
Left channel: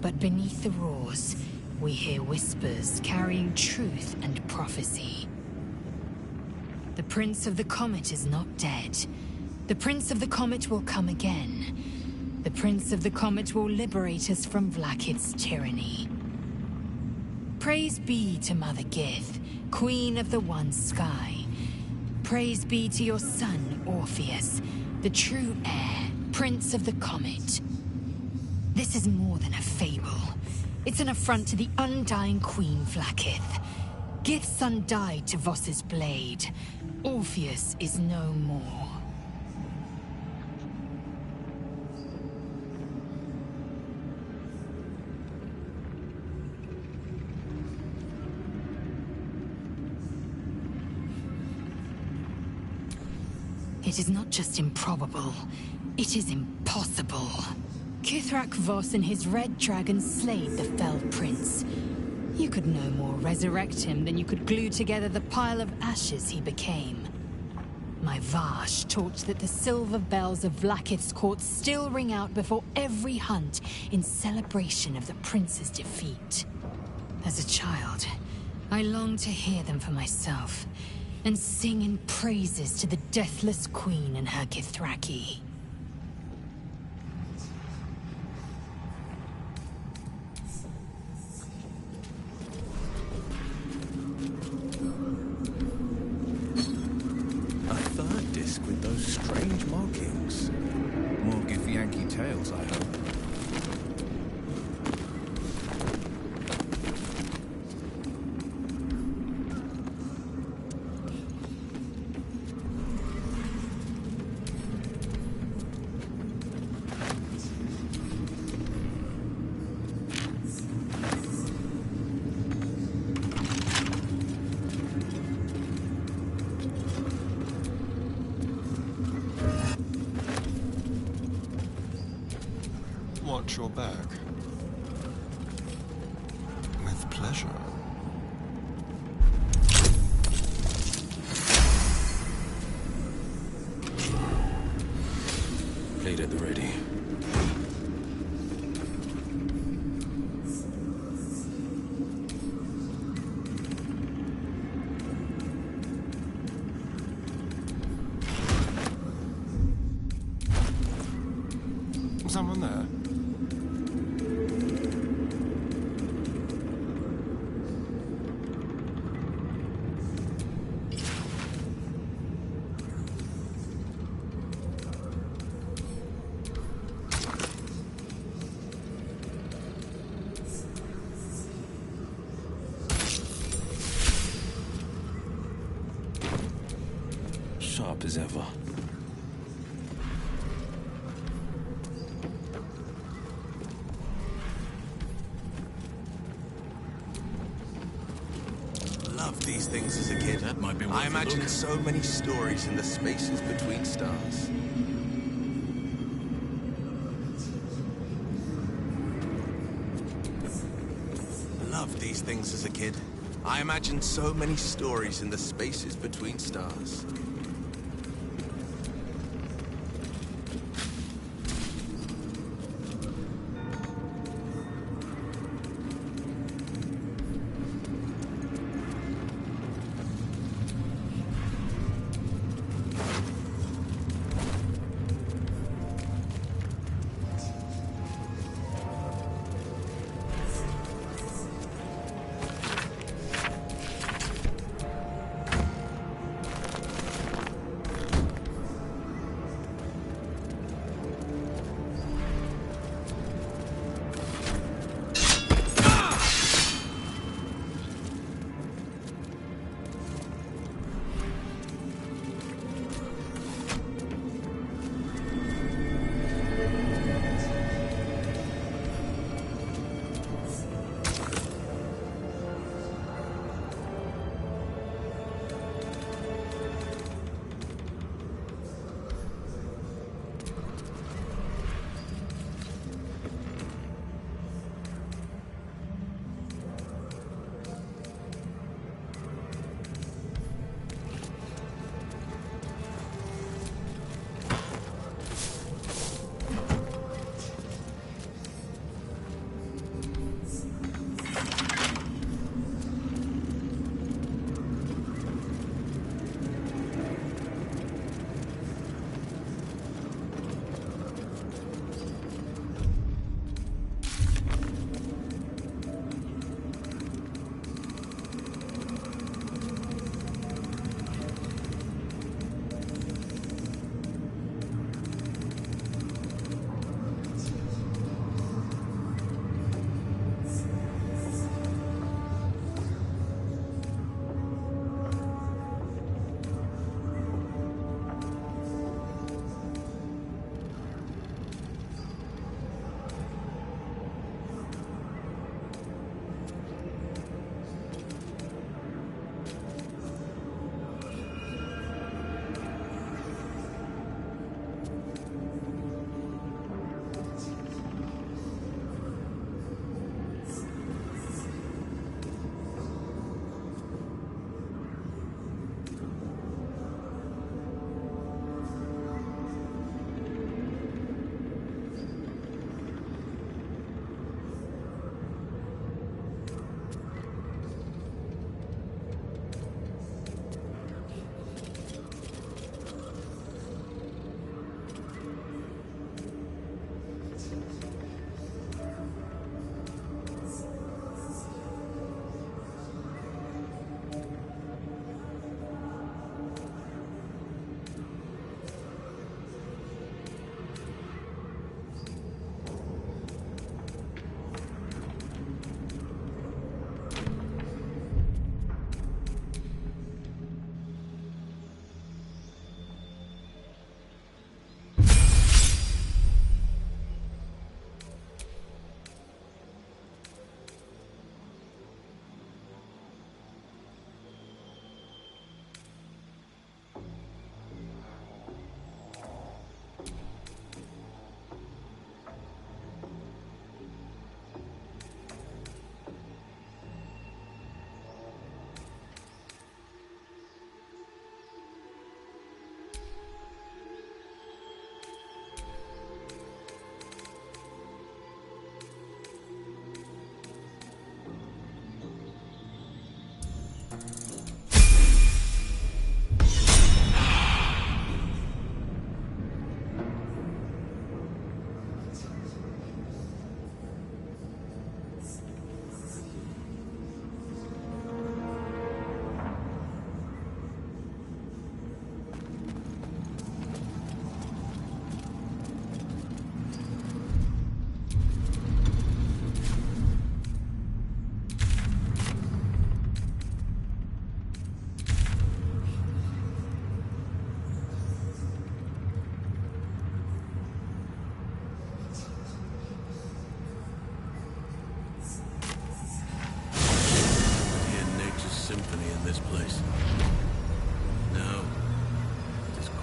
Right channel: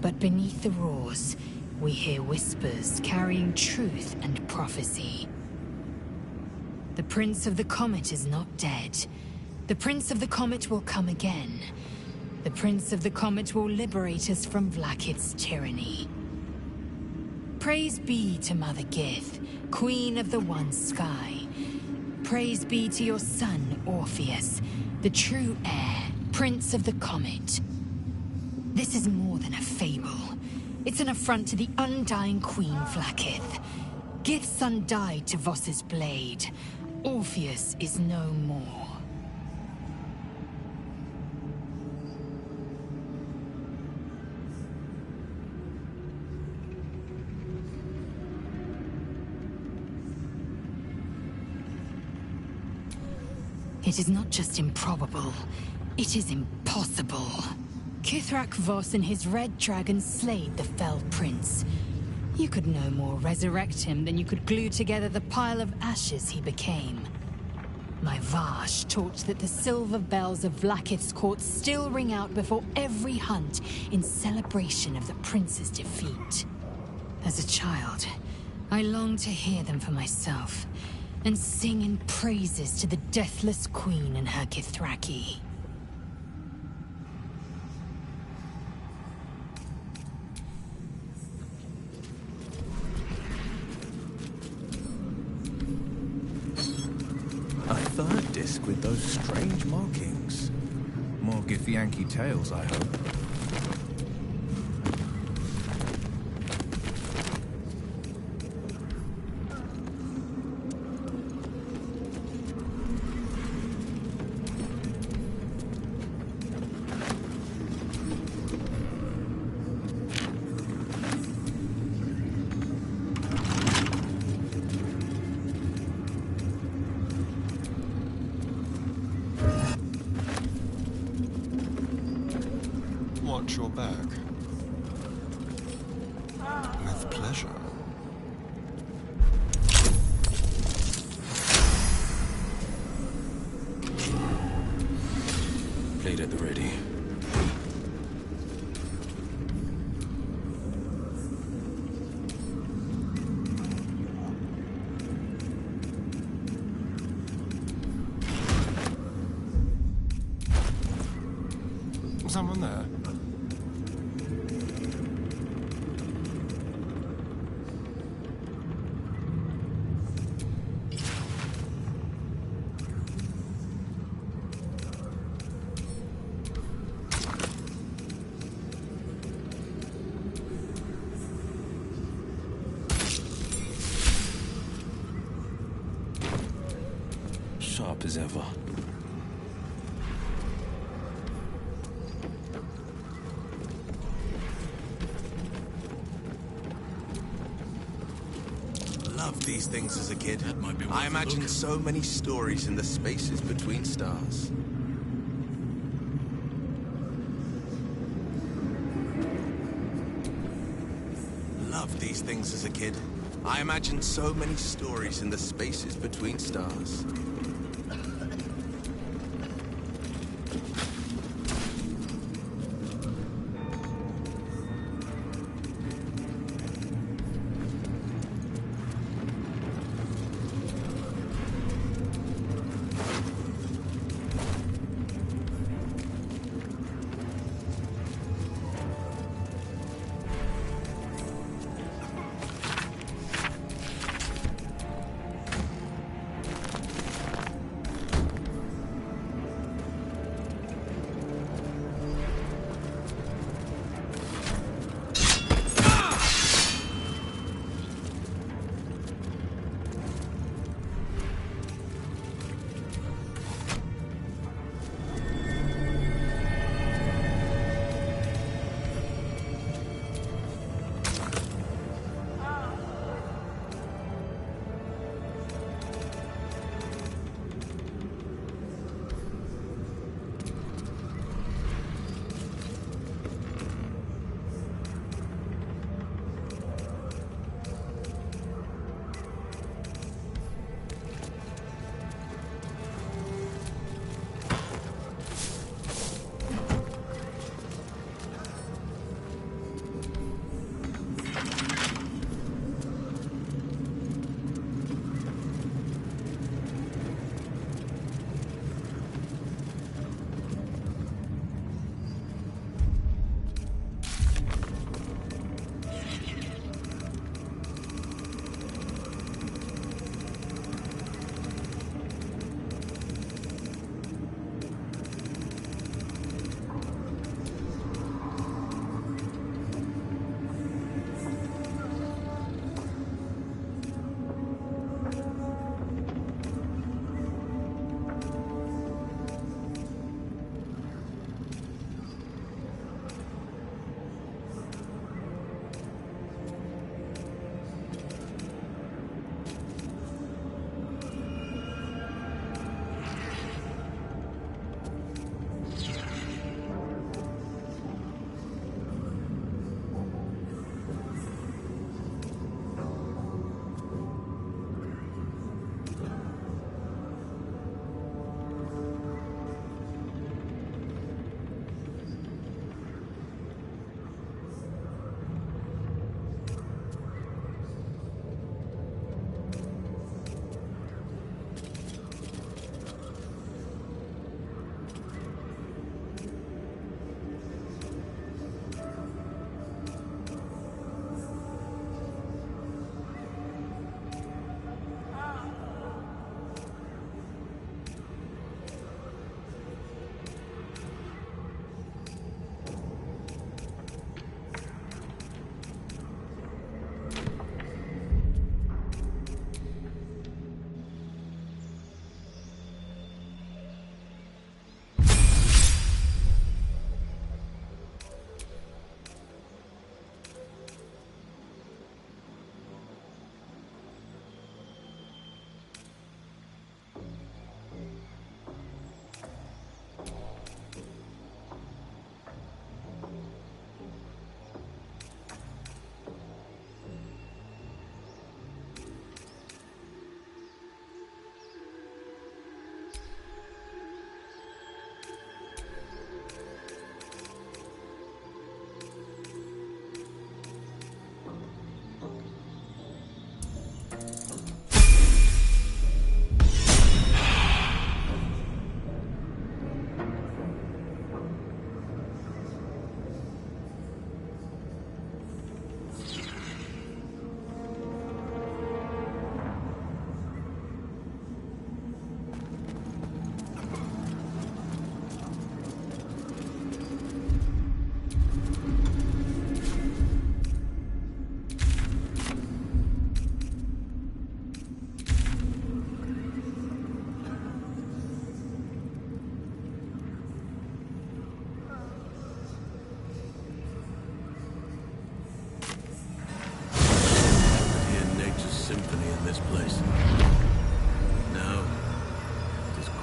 but beneath the roars, we hear whispers carrying truth and prophecy. The Prince of the Comet is not dead. The Prince of the Comet will come again. The Prince of the Comet will liberate us from Vlaakith's tyranny. Praise be to Mother Gith, Queen of the One Sky. Praise be to your son, Orpheus, the true heir, Prince of the Comet. This is more than a fable. It's an affront to the undying Queen Vlaakith. Gith's son died to Voss's blade. Orpheus is no more. It is not just improbable, it is impossible. Kithrak Voss and his red dragon slayed the fell prince. You could no more resurrect him than you could glue together the pile of ashes he became. My Vash taught that the silver bells of Vlaakith's court still ring out before every hunt in celebration of the prince's defeat. As a child, I longed to hear them for myself, and sing in praises to the deathless queen and her Kithraki. A third disc with those strange markings. More Githyanki tales, I hope. Watch your back. With pleasure. Blade at the ready. Someone there? Sharp as ever. these things as a kid. That might be worth I a imagined look. so many stories in the spaces between stars. Loved these things as a kid. I imagined so many stories in the spaces between stars.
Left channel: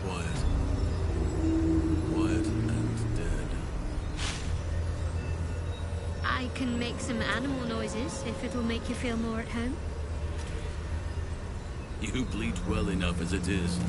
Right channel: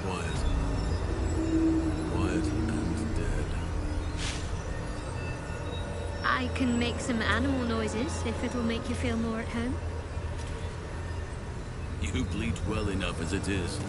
quiet. Quiet and dead. I can make some animal noises if it'll make you feel more at home. You bleed well enough as it is.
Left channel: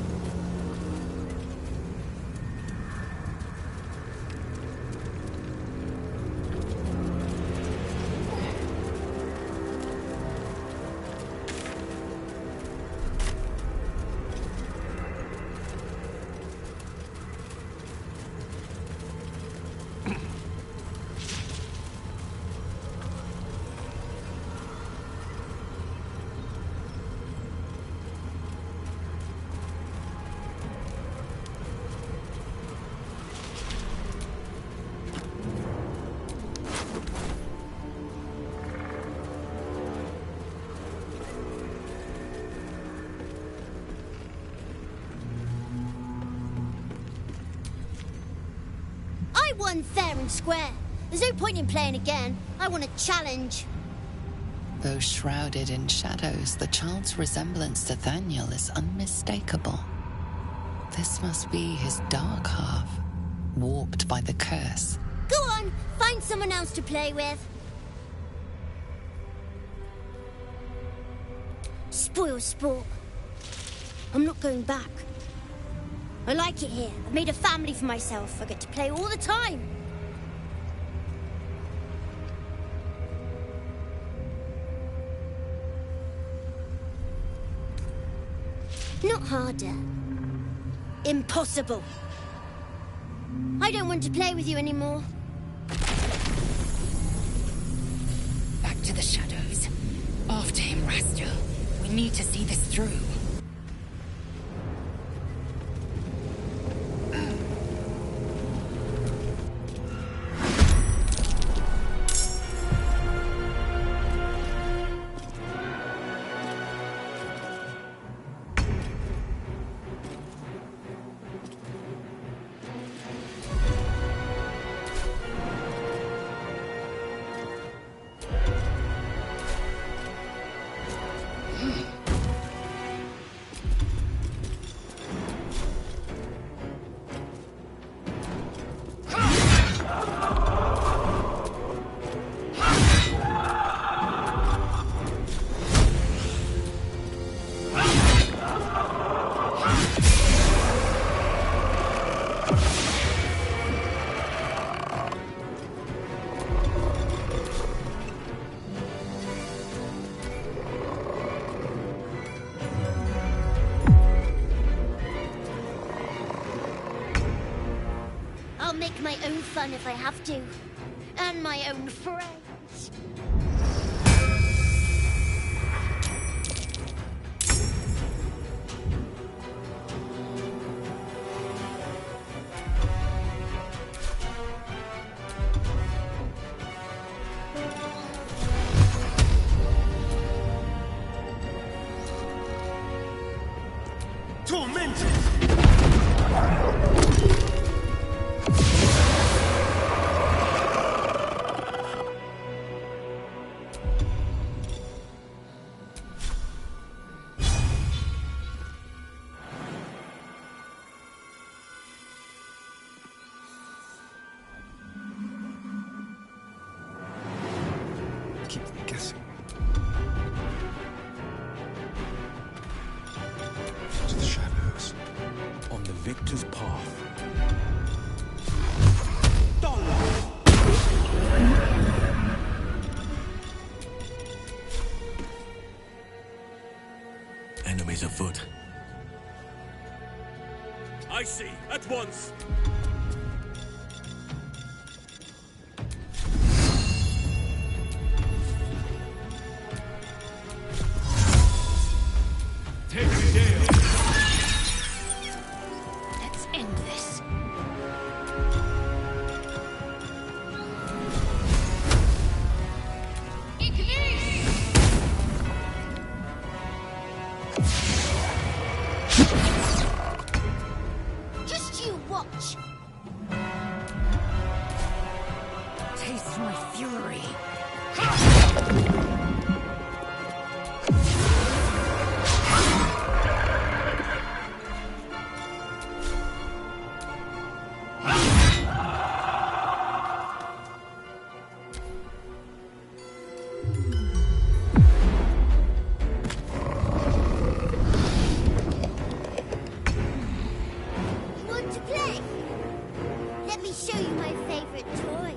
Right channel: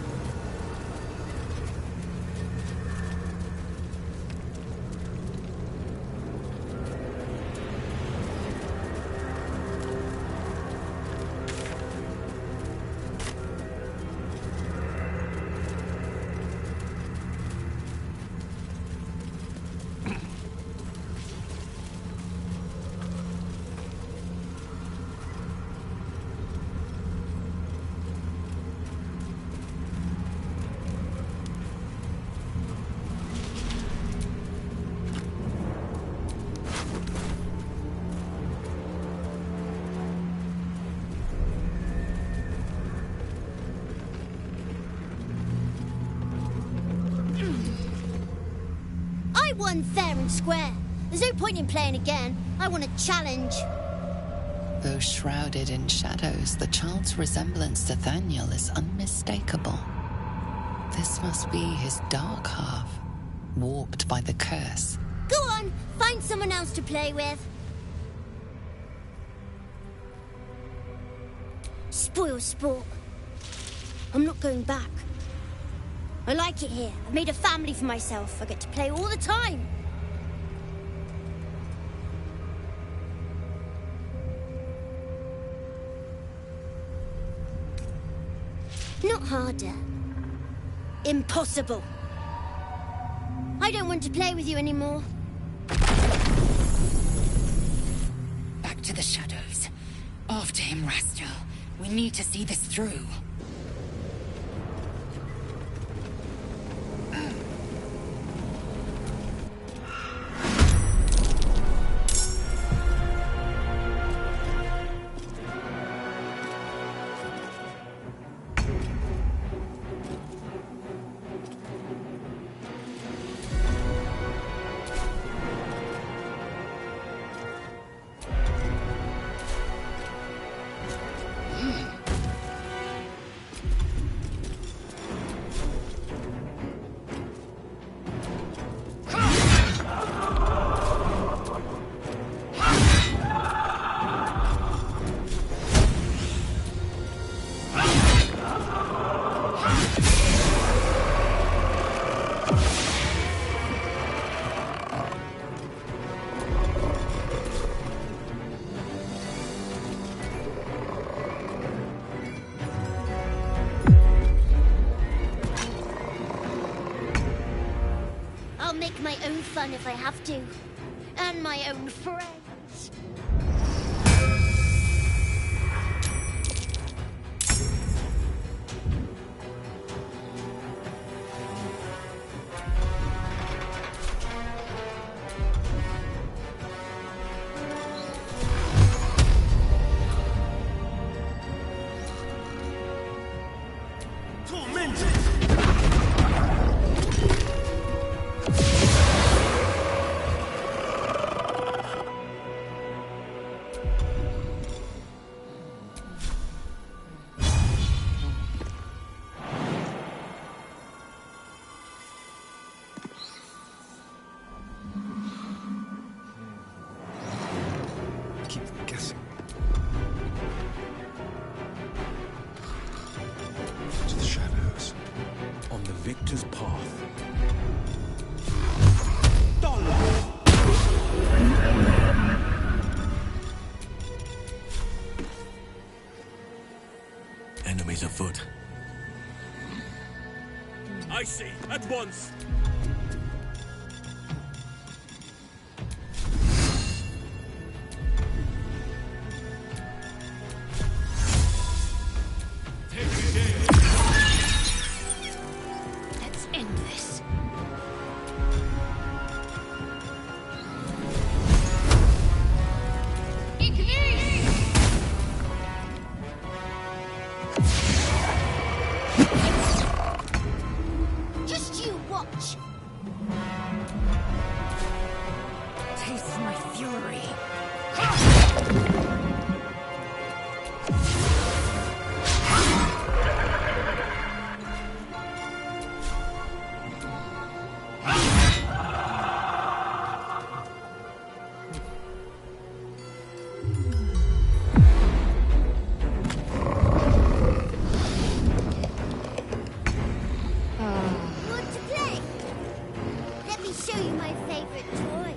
I won fair and square. There's no point in playing again. I want a challenge. Though shrouded in shadows, the child's resemblance to Thaniel is unmistakable. This must be his dark half, warped by the curse. Go on, find someone else to play with. Spoil sport. I'm not going back. I like it here. I've made a family for myself. I get to play all the time. Not harder. Impossible. I don't want to play with you anymore. Back to the shadows. After him, Rastel. We need to see this through. I'll make my own fun if I have to. And my own friends. Tormented! Keep them guessing. To the shadows. On the victor's path. Enemies afoot. I see, at once. Let's end this. Just you watch. Taste my fury. show you my favorite toy.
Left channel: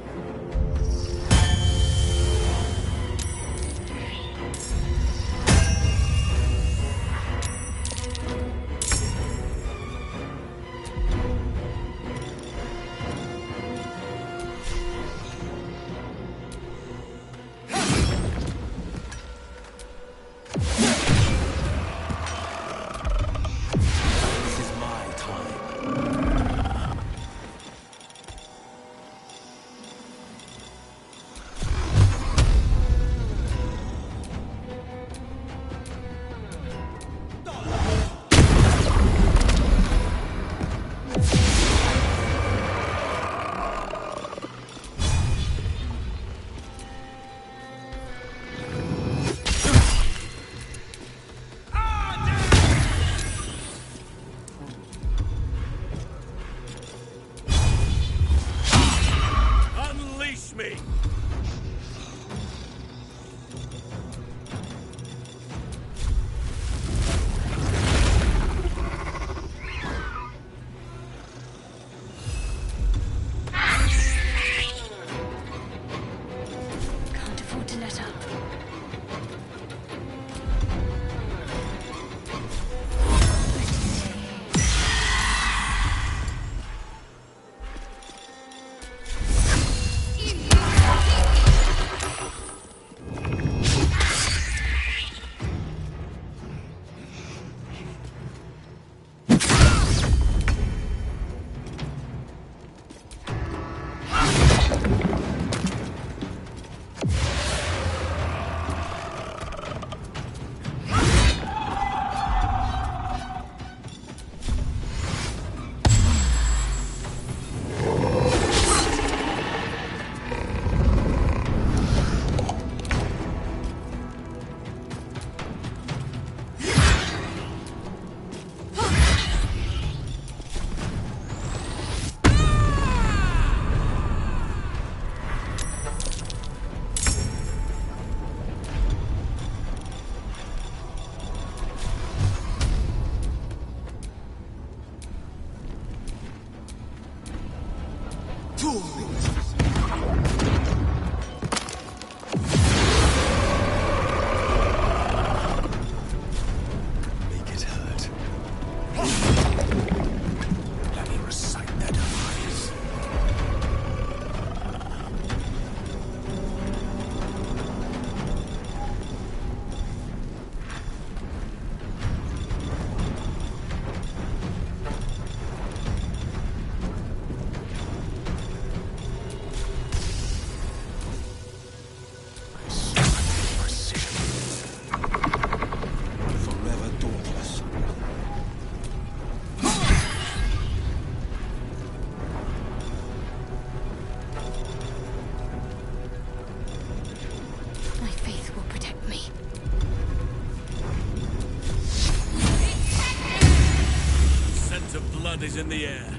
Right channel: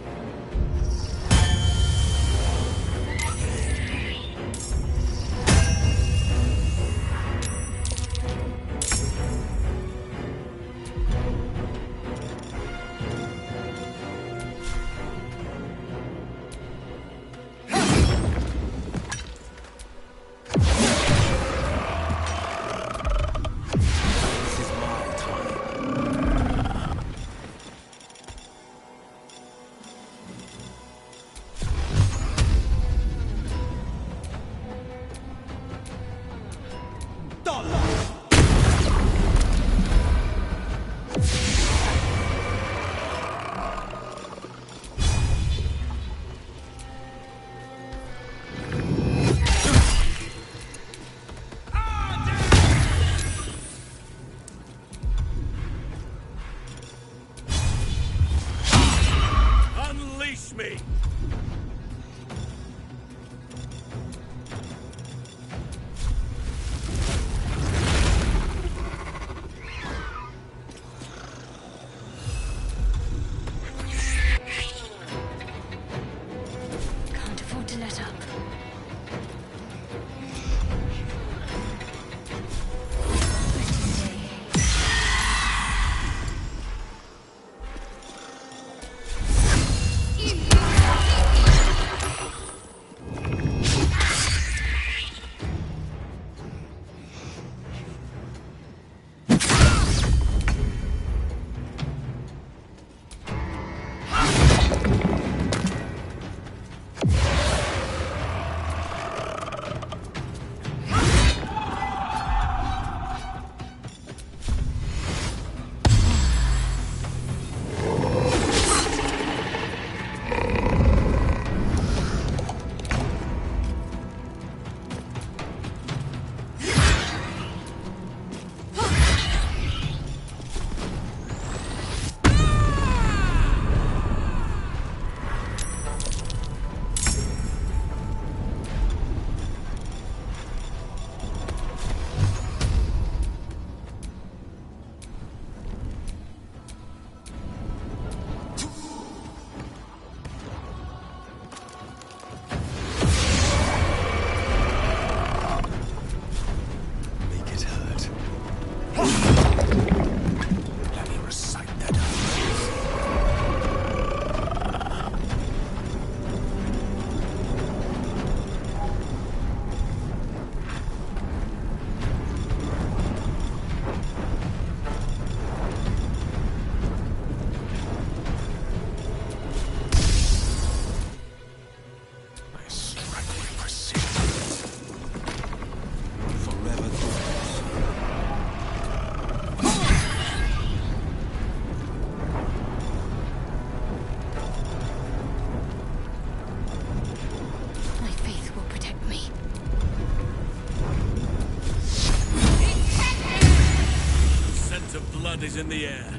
Unleash me! Can't afford to let up. Blood is in the air.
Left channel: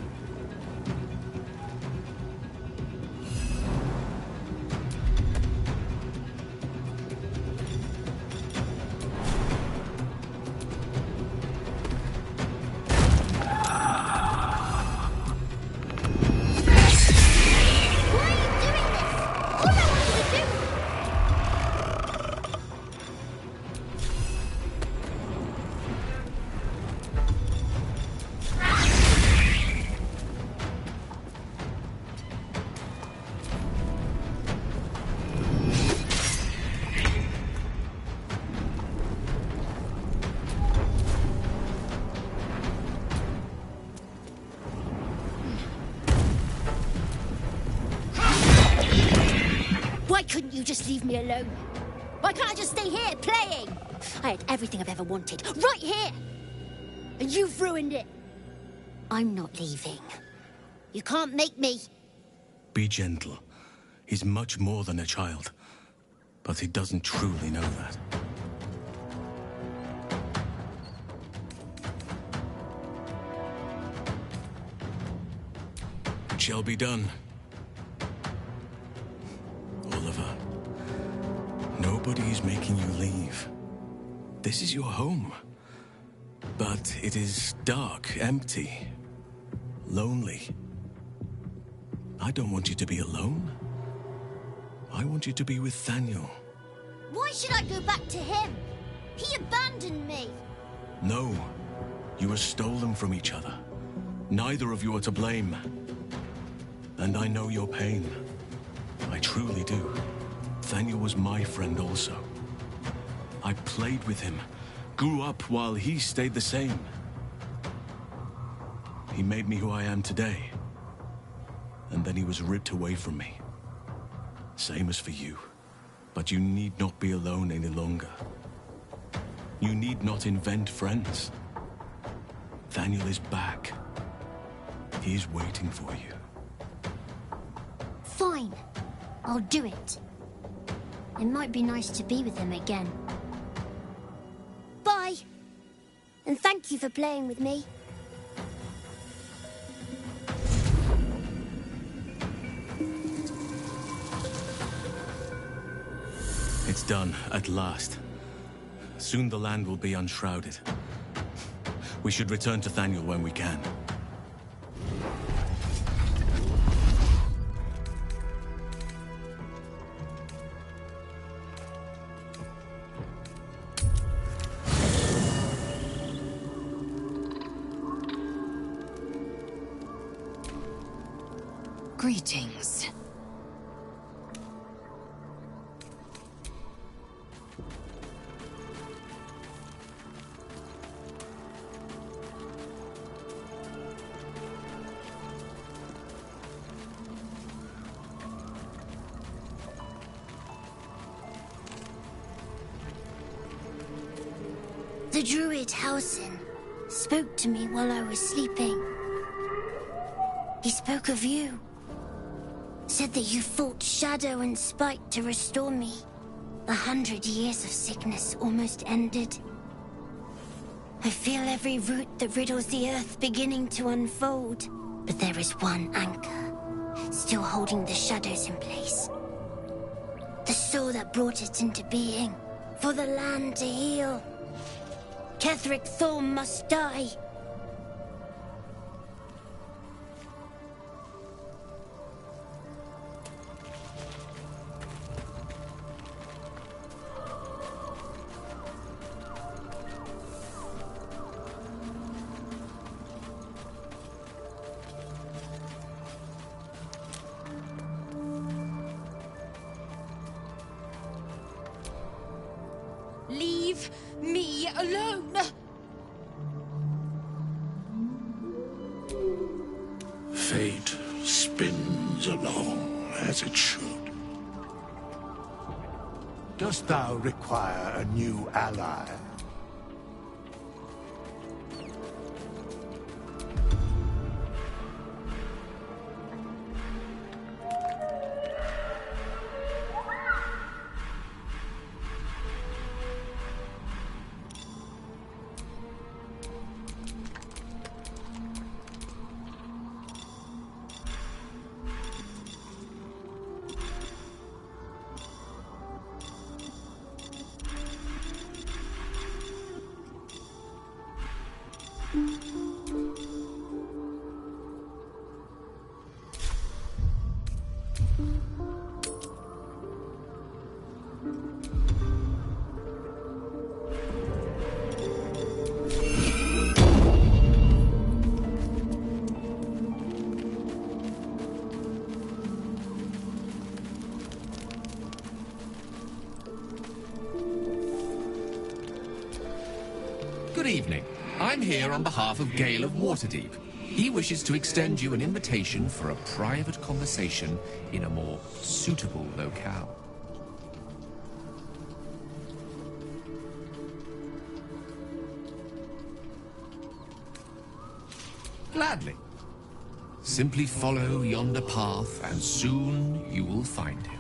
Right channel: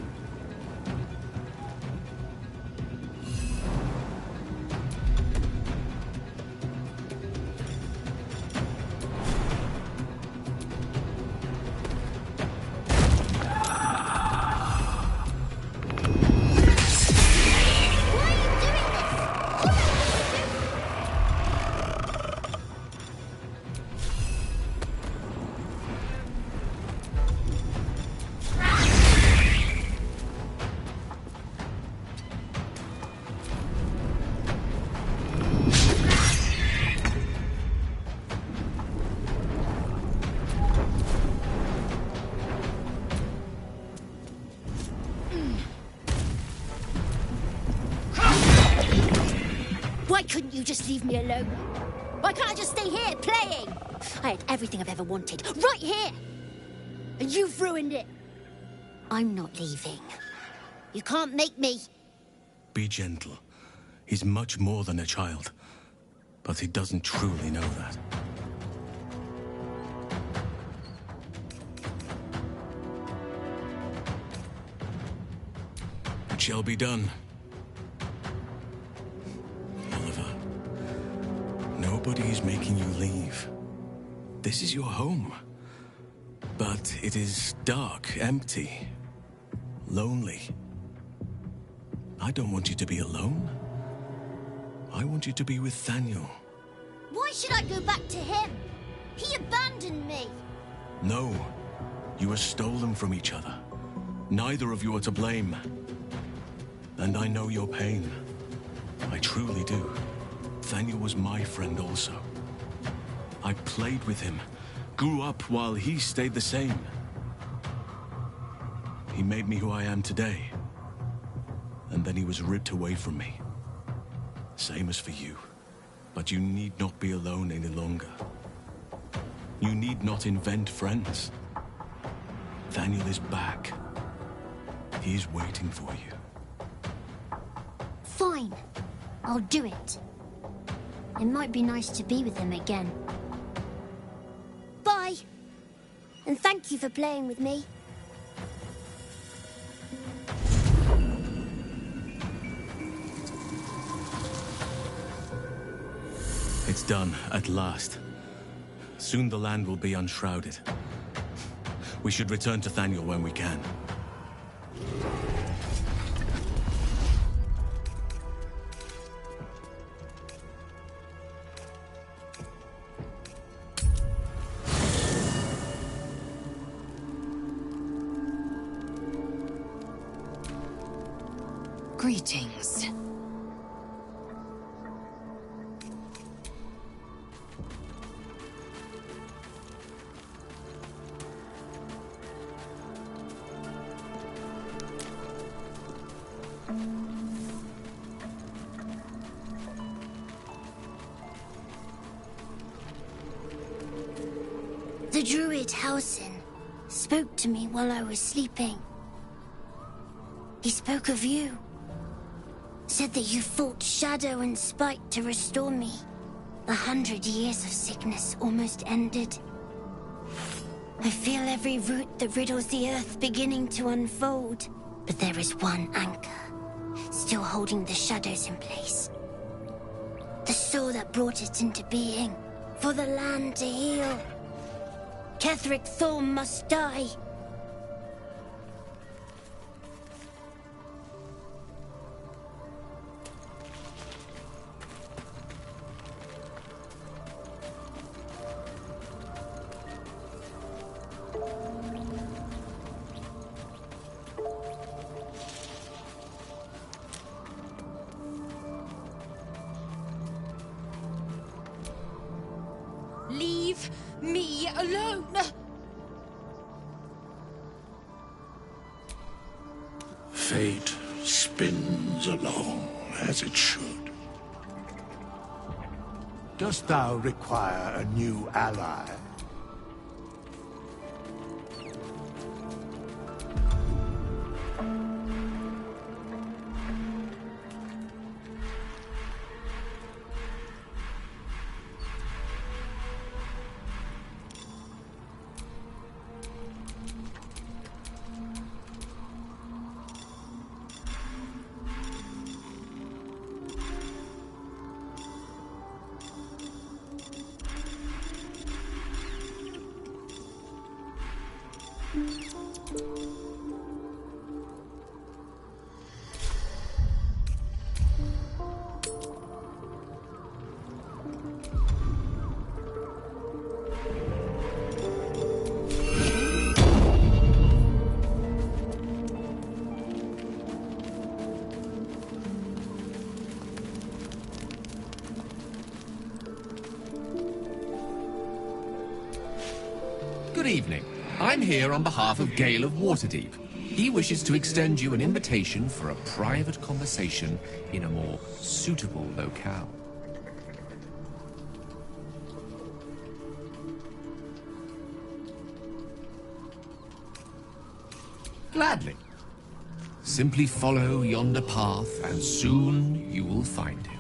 Why couldn't you just leave me alone? Why can't I just stay here, playing? I had everything I've ever wanted, right here! And you've ruined it. I'm not leaving. You can't make me. Be gentle. He's much more than a child. But he doesn't truly know that. It shall be done. Oliver, nobody is making you leave. This is your home. But it is dark, empty, lonely. I don't want you to be alone. I want you to be with Thaniel. Why should I go back to him? He abandoned me. No, you were stolen from each other. Neither of you are to blame. And I know your pain. I truly do. Thaniel was my friend also. I played with him, grew up while he stayed the same. He made me who I am today. And then he was ripped away from me. Same as for you. But you need not be alone any longer. You need not invent friends. Thaniel is back. He is waiting for you. Fine. I'll do it. It might be nice to be with him again. Bye. And thank you for playing with me. It's done, at last. Soon the land will be unshrouded. We should return to Thaniel when we can. Greetings. The druid Halsin spoke to me while I was sleeping. He spoke of you. Said that you fought shadow and spite to restore me. 100 years of sickness almost ended. I feel every root that riddles the earth beginning to unfold. But there is one anchor, still holding the shadows in place. The soul that brought it into being, for the land to heal. Ketheric Thorm must die. Leave me alone! Fate spins along as it should. Dost thou require a new ally? Good evening. I'm here on behalf of Gale of Waterdeep. He wishes to extend you an invitation for a private conversation in a more suitable locale. Gladly. Simply follow yonder path, and soon you will find him.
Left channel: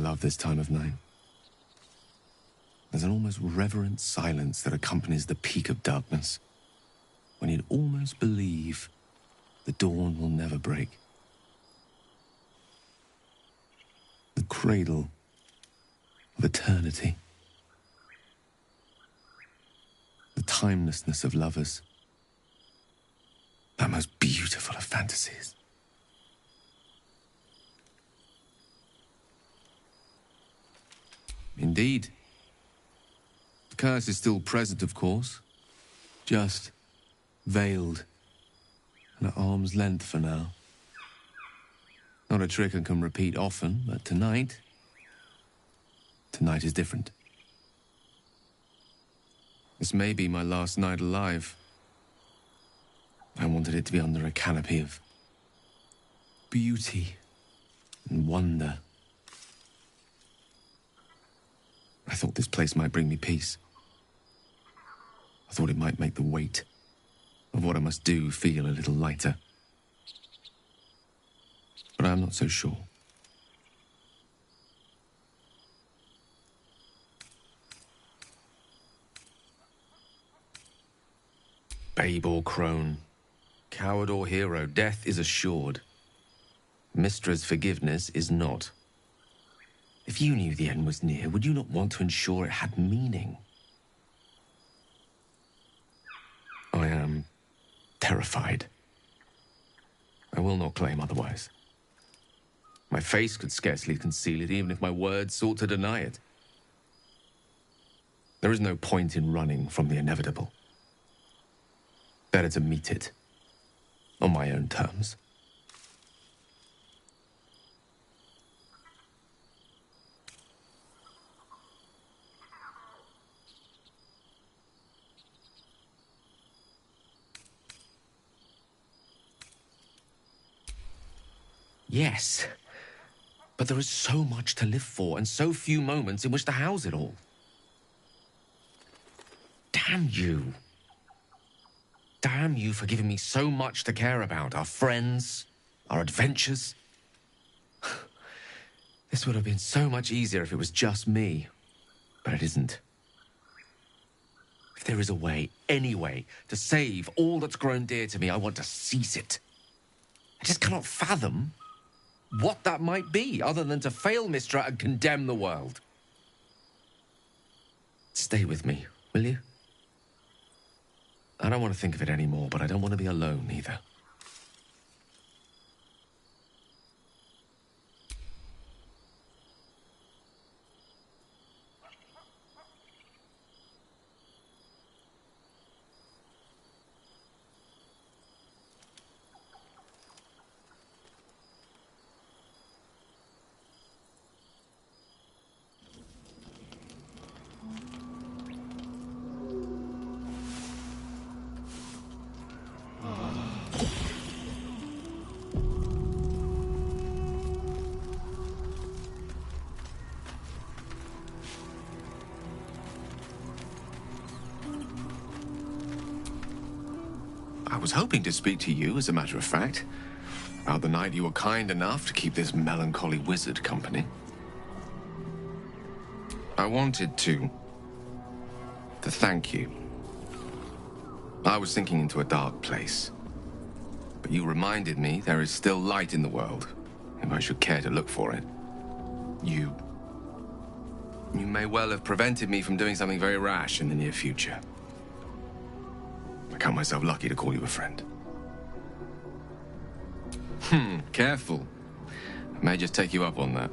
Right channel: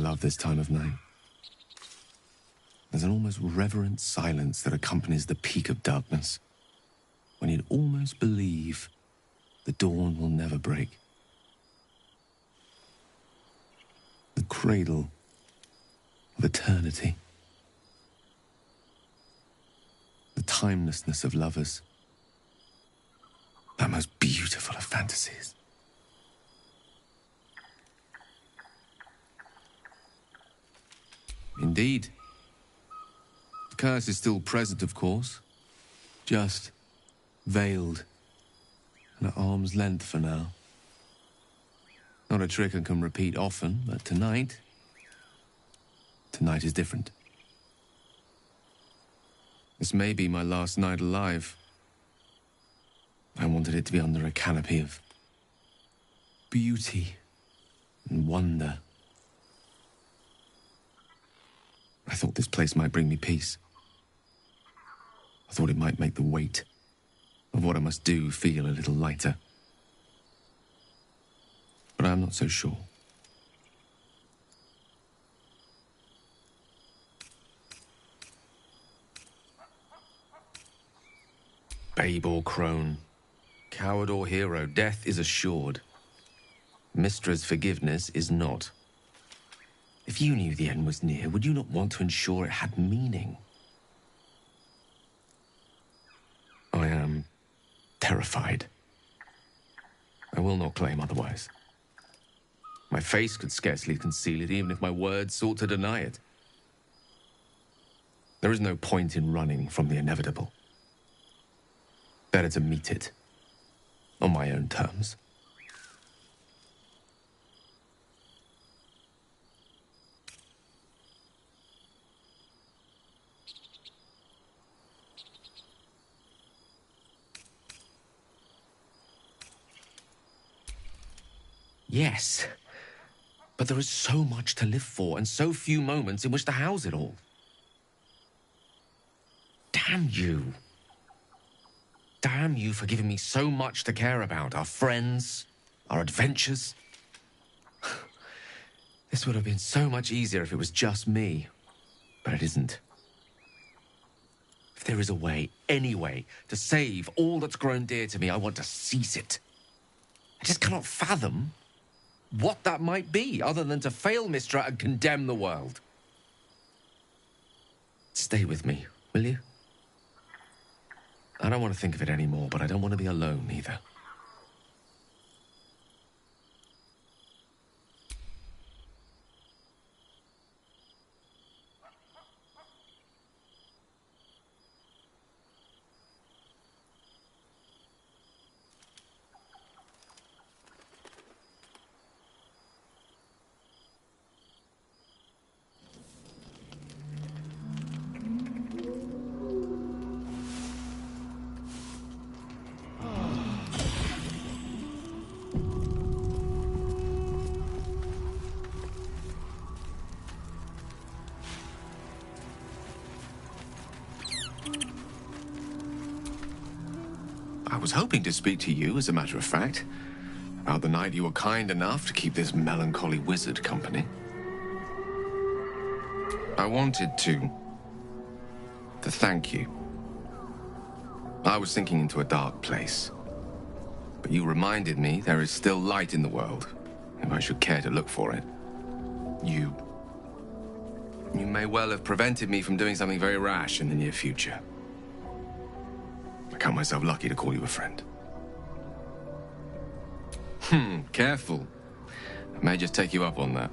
love this time of night. There's an almost reverent silence that accompanies the peak of darkness, when you'd almost believe the dawn will never break. The cradle of eternity. The timelessness of lovers. That most beautiful of fantasies. Indeed. The curse is still present, of course. Just veiled and at arm's length for now. Not a trick I can repeat often, but tonight is different. This may be my last night alive. I wanted it to be under a canopy of beauty and wonder. I thought this place might bring me peace. I thought it might make the weight of what I must do feel a little lighter. But I'm not so sure. Babe or crone, coward or hero, death is assured. Mystra's forgiveness is not. If you knew the end was near, would you not want to ensure it had meaning? I am terrified. I will not claim otherwise. My face could scarcely conceal it, even if my words sought to deny it. There is no point in running from the inevitable. Better to meet it on my own terms. Yes, but there is so much to live for and so few moments in which to house it all. Damn you. Damn you for giving me so much to care about. Our friends, our adventures. This would have been so much easier if it was just me, but it isn't. If there is a way, any way, to save all that's grown dear to me, I want to seize it. I just cannot fathom what that might be, other than to fail Mystra and condemn the world. Stay with me, will you? I don't want to think of it anymore, but I don't want to be alone either. I was hoping to speak to you, as a matter of fact, about the night you were kind enough to keep this melancholy wizard company. I wanted to thank you. I was sinking into a dark place, but you reminded me there is still light in the world, if I should care to look for it. You may well have prevented me from doing something very rash in the near future. I count myself lucky to call you a friend. Careful. I may just take you up on that.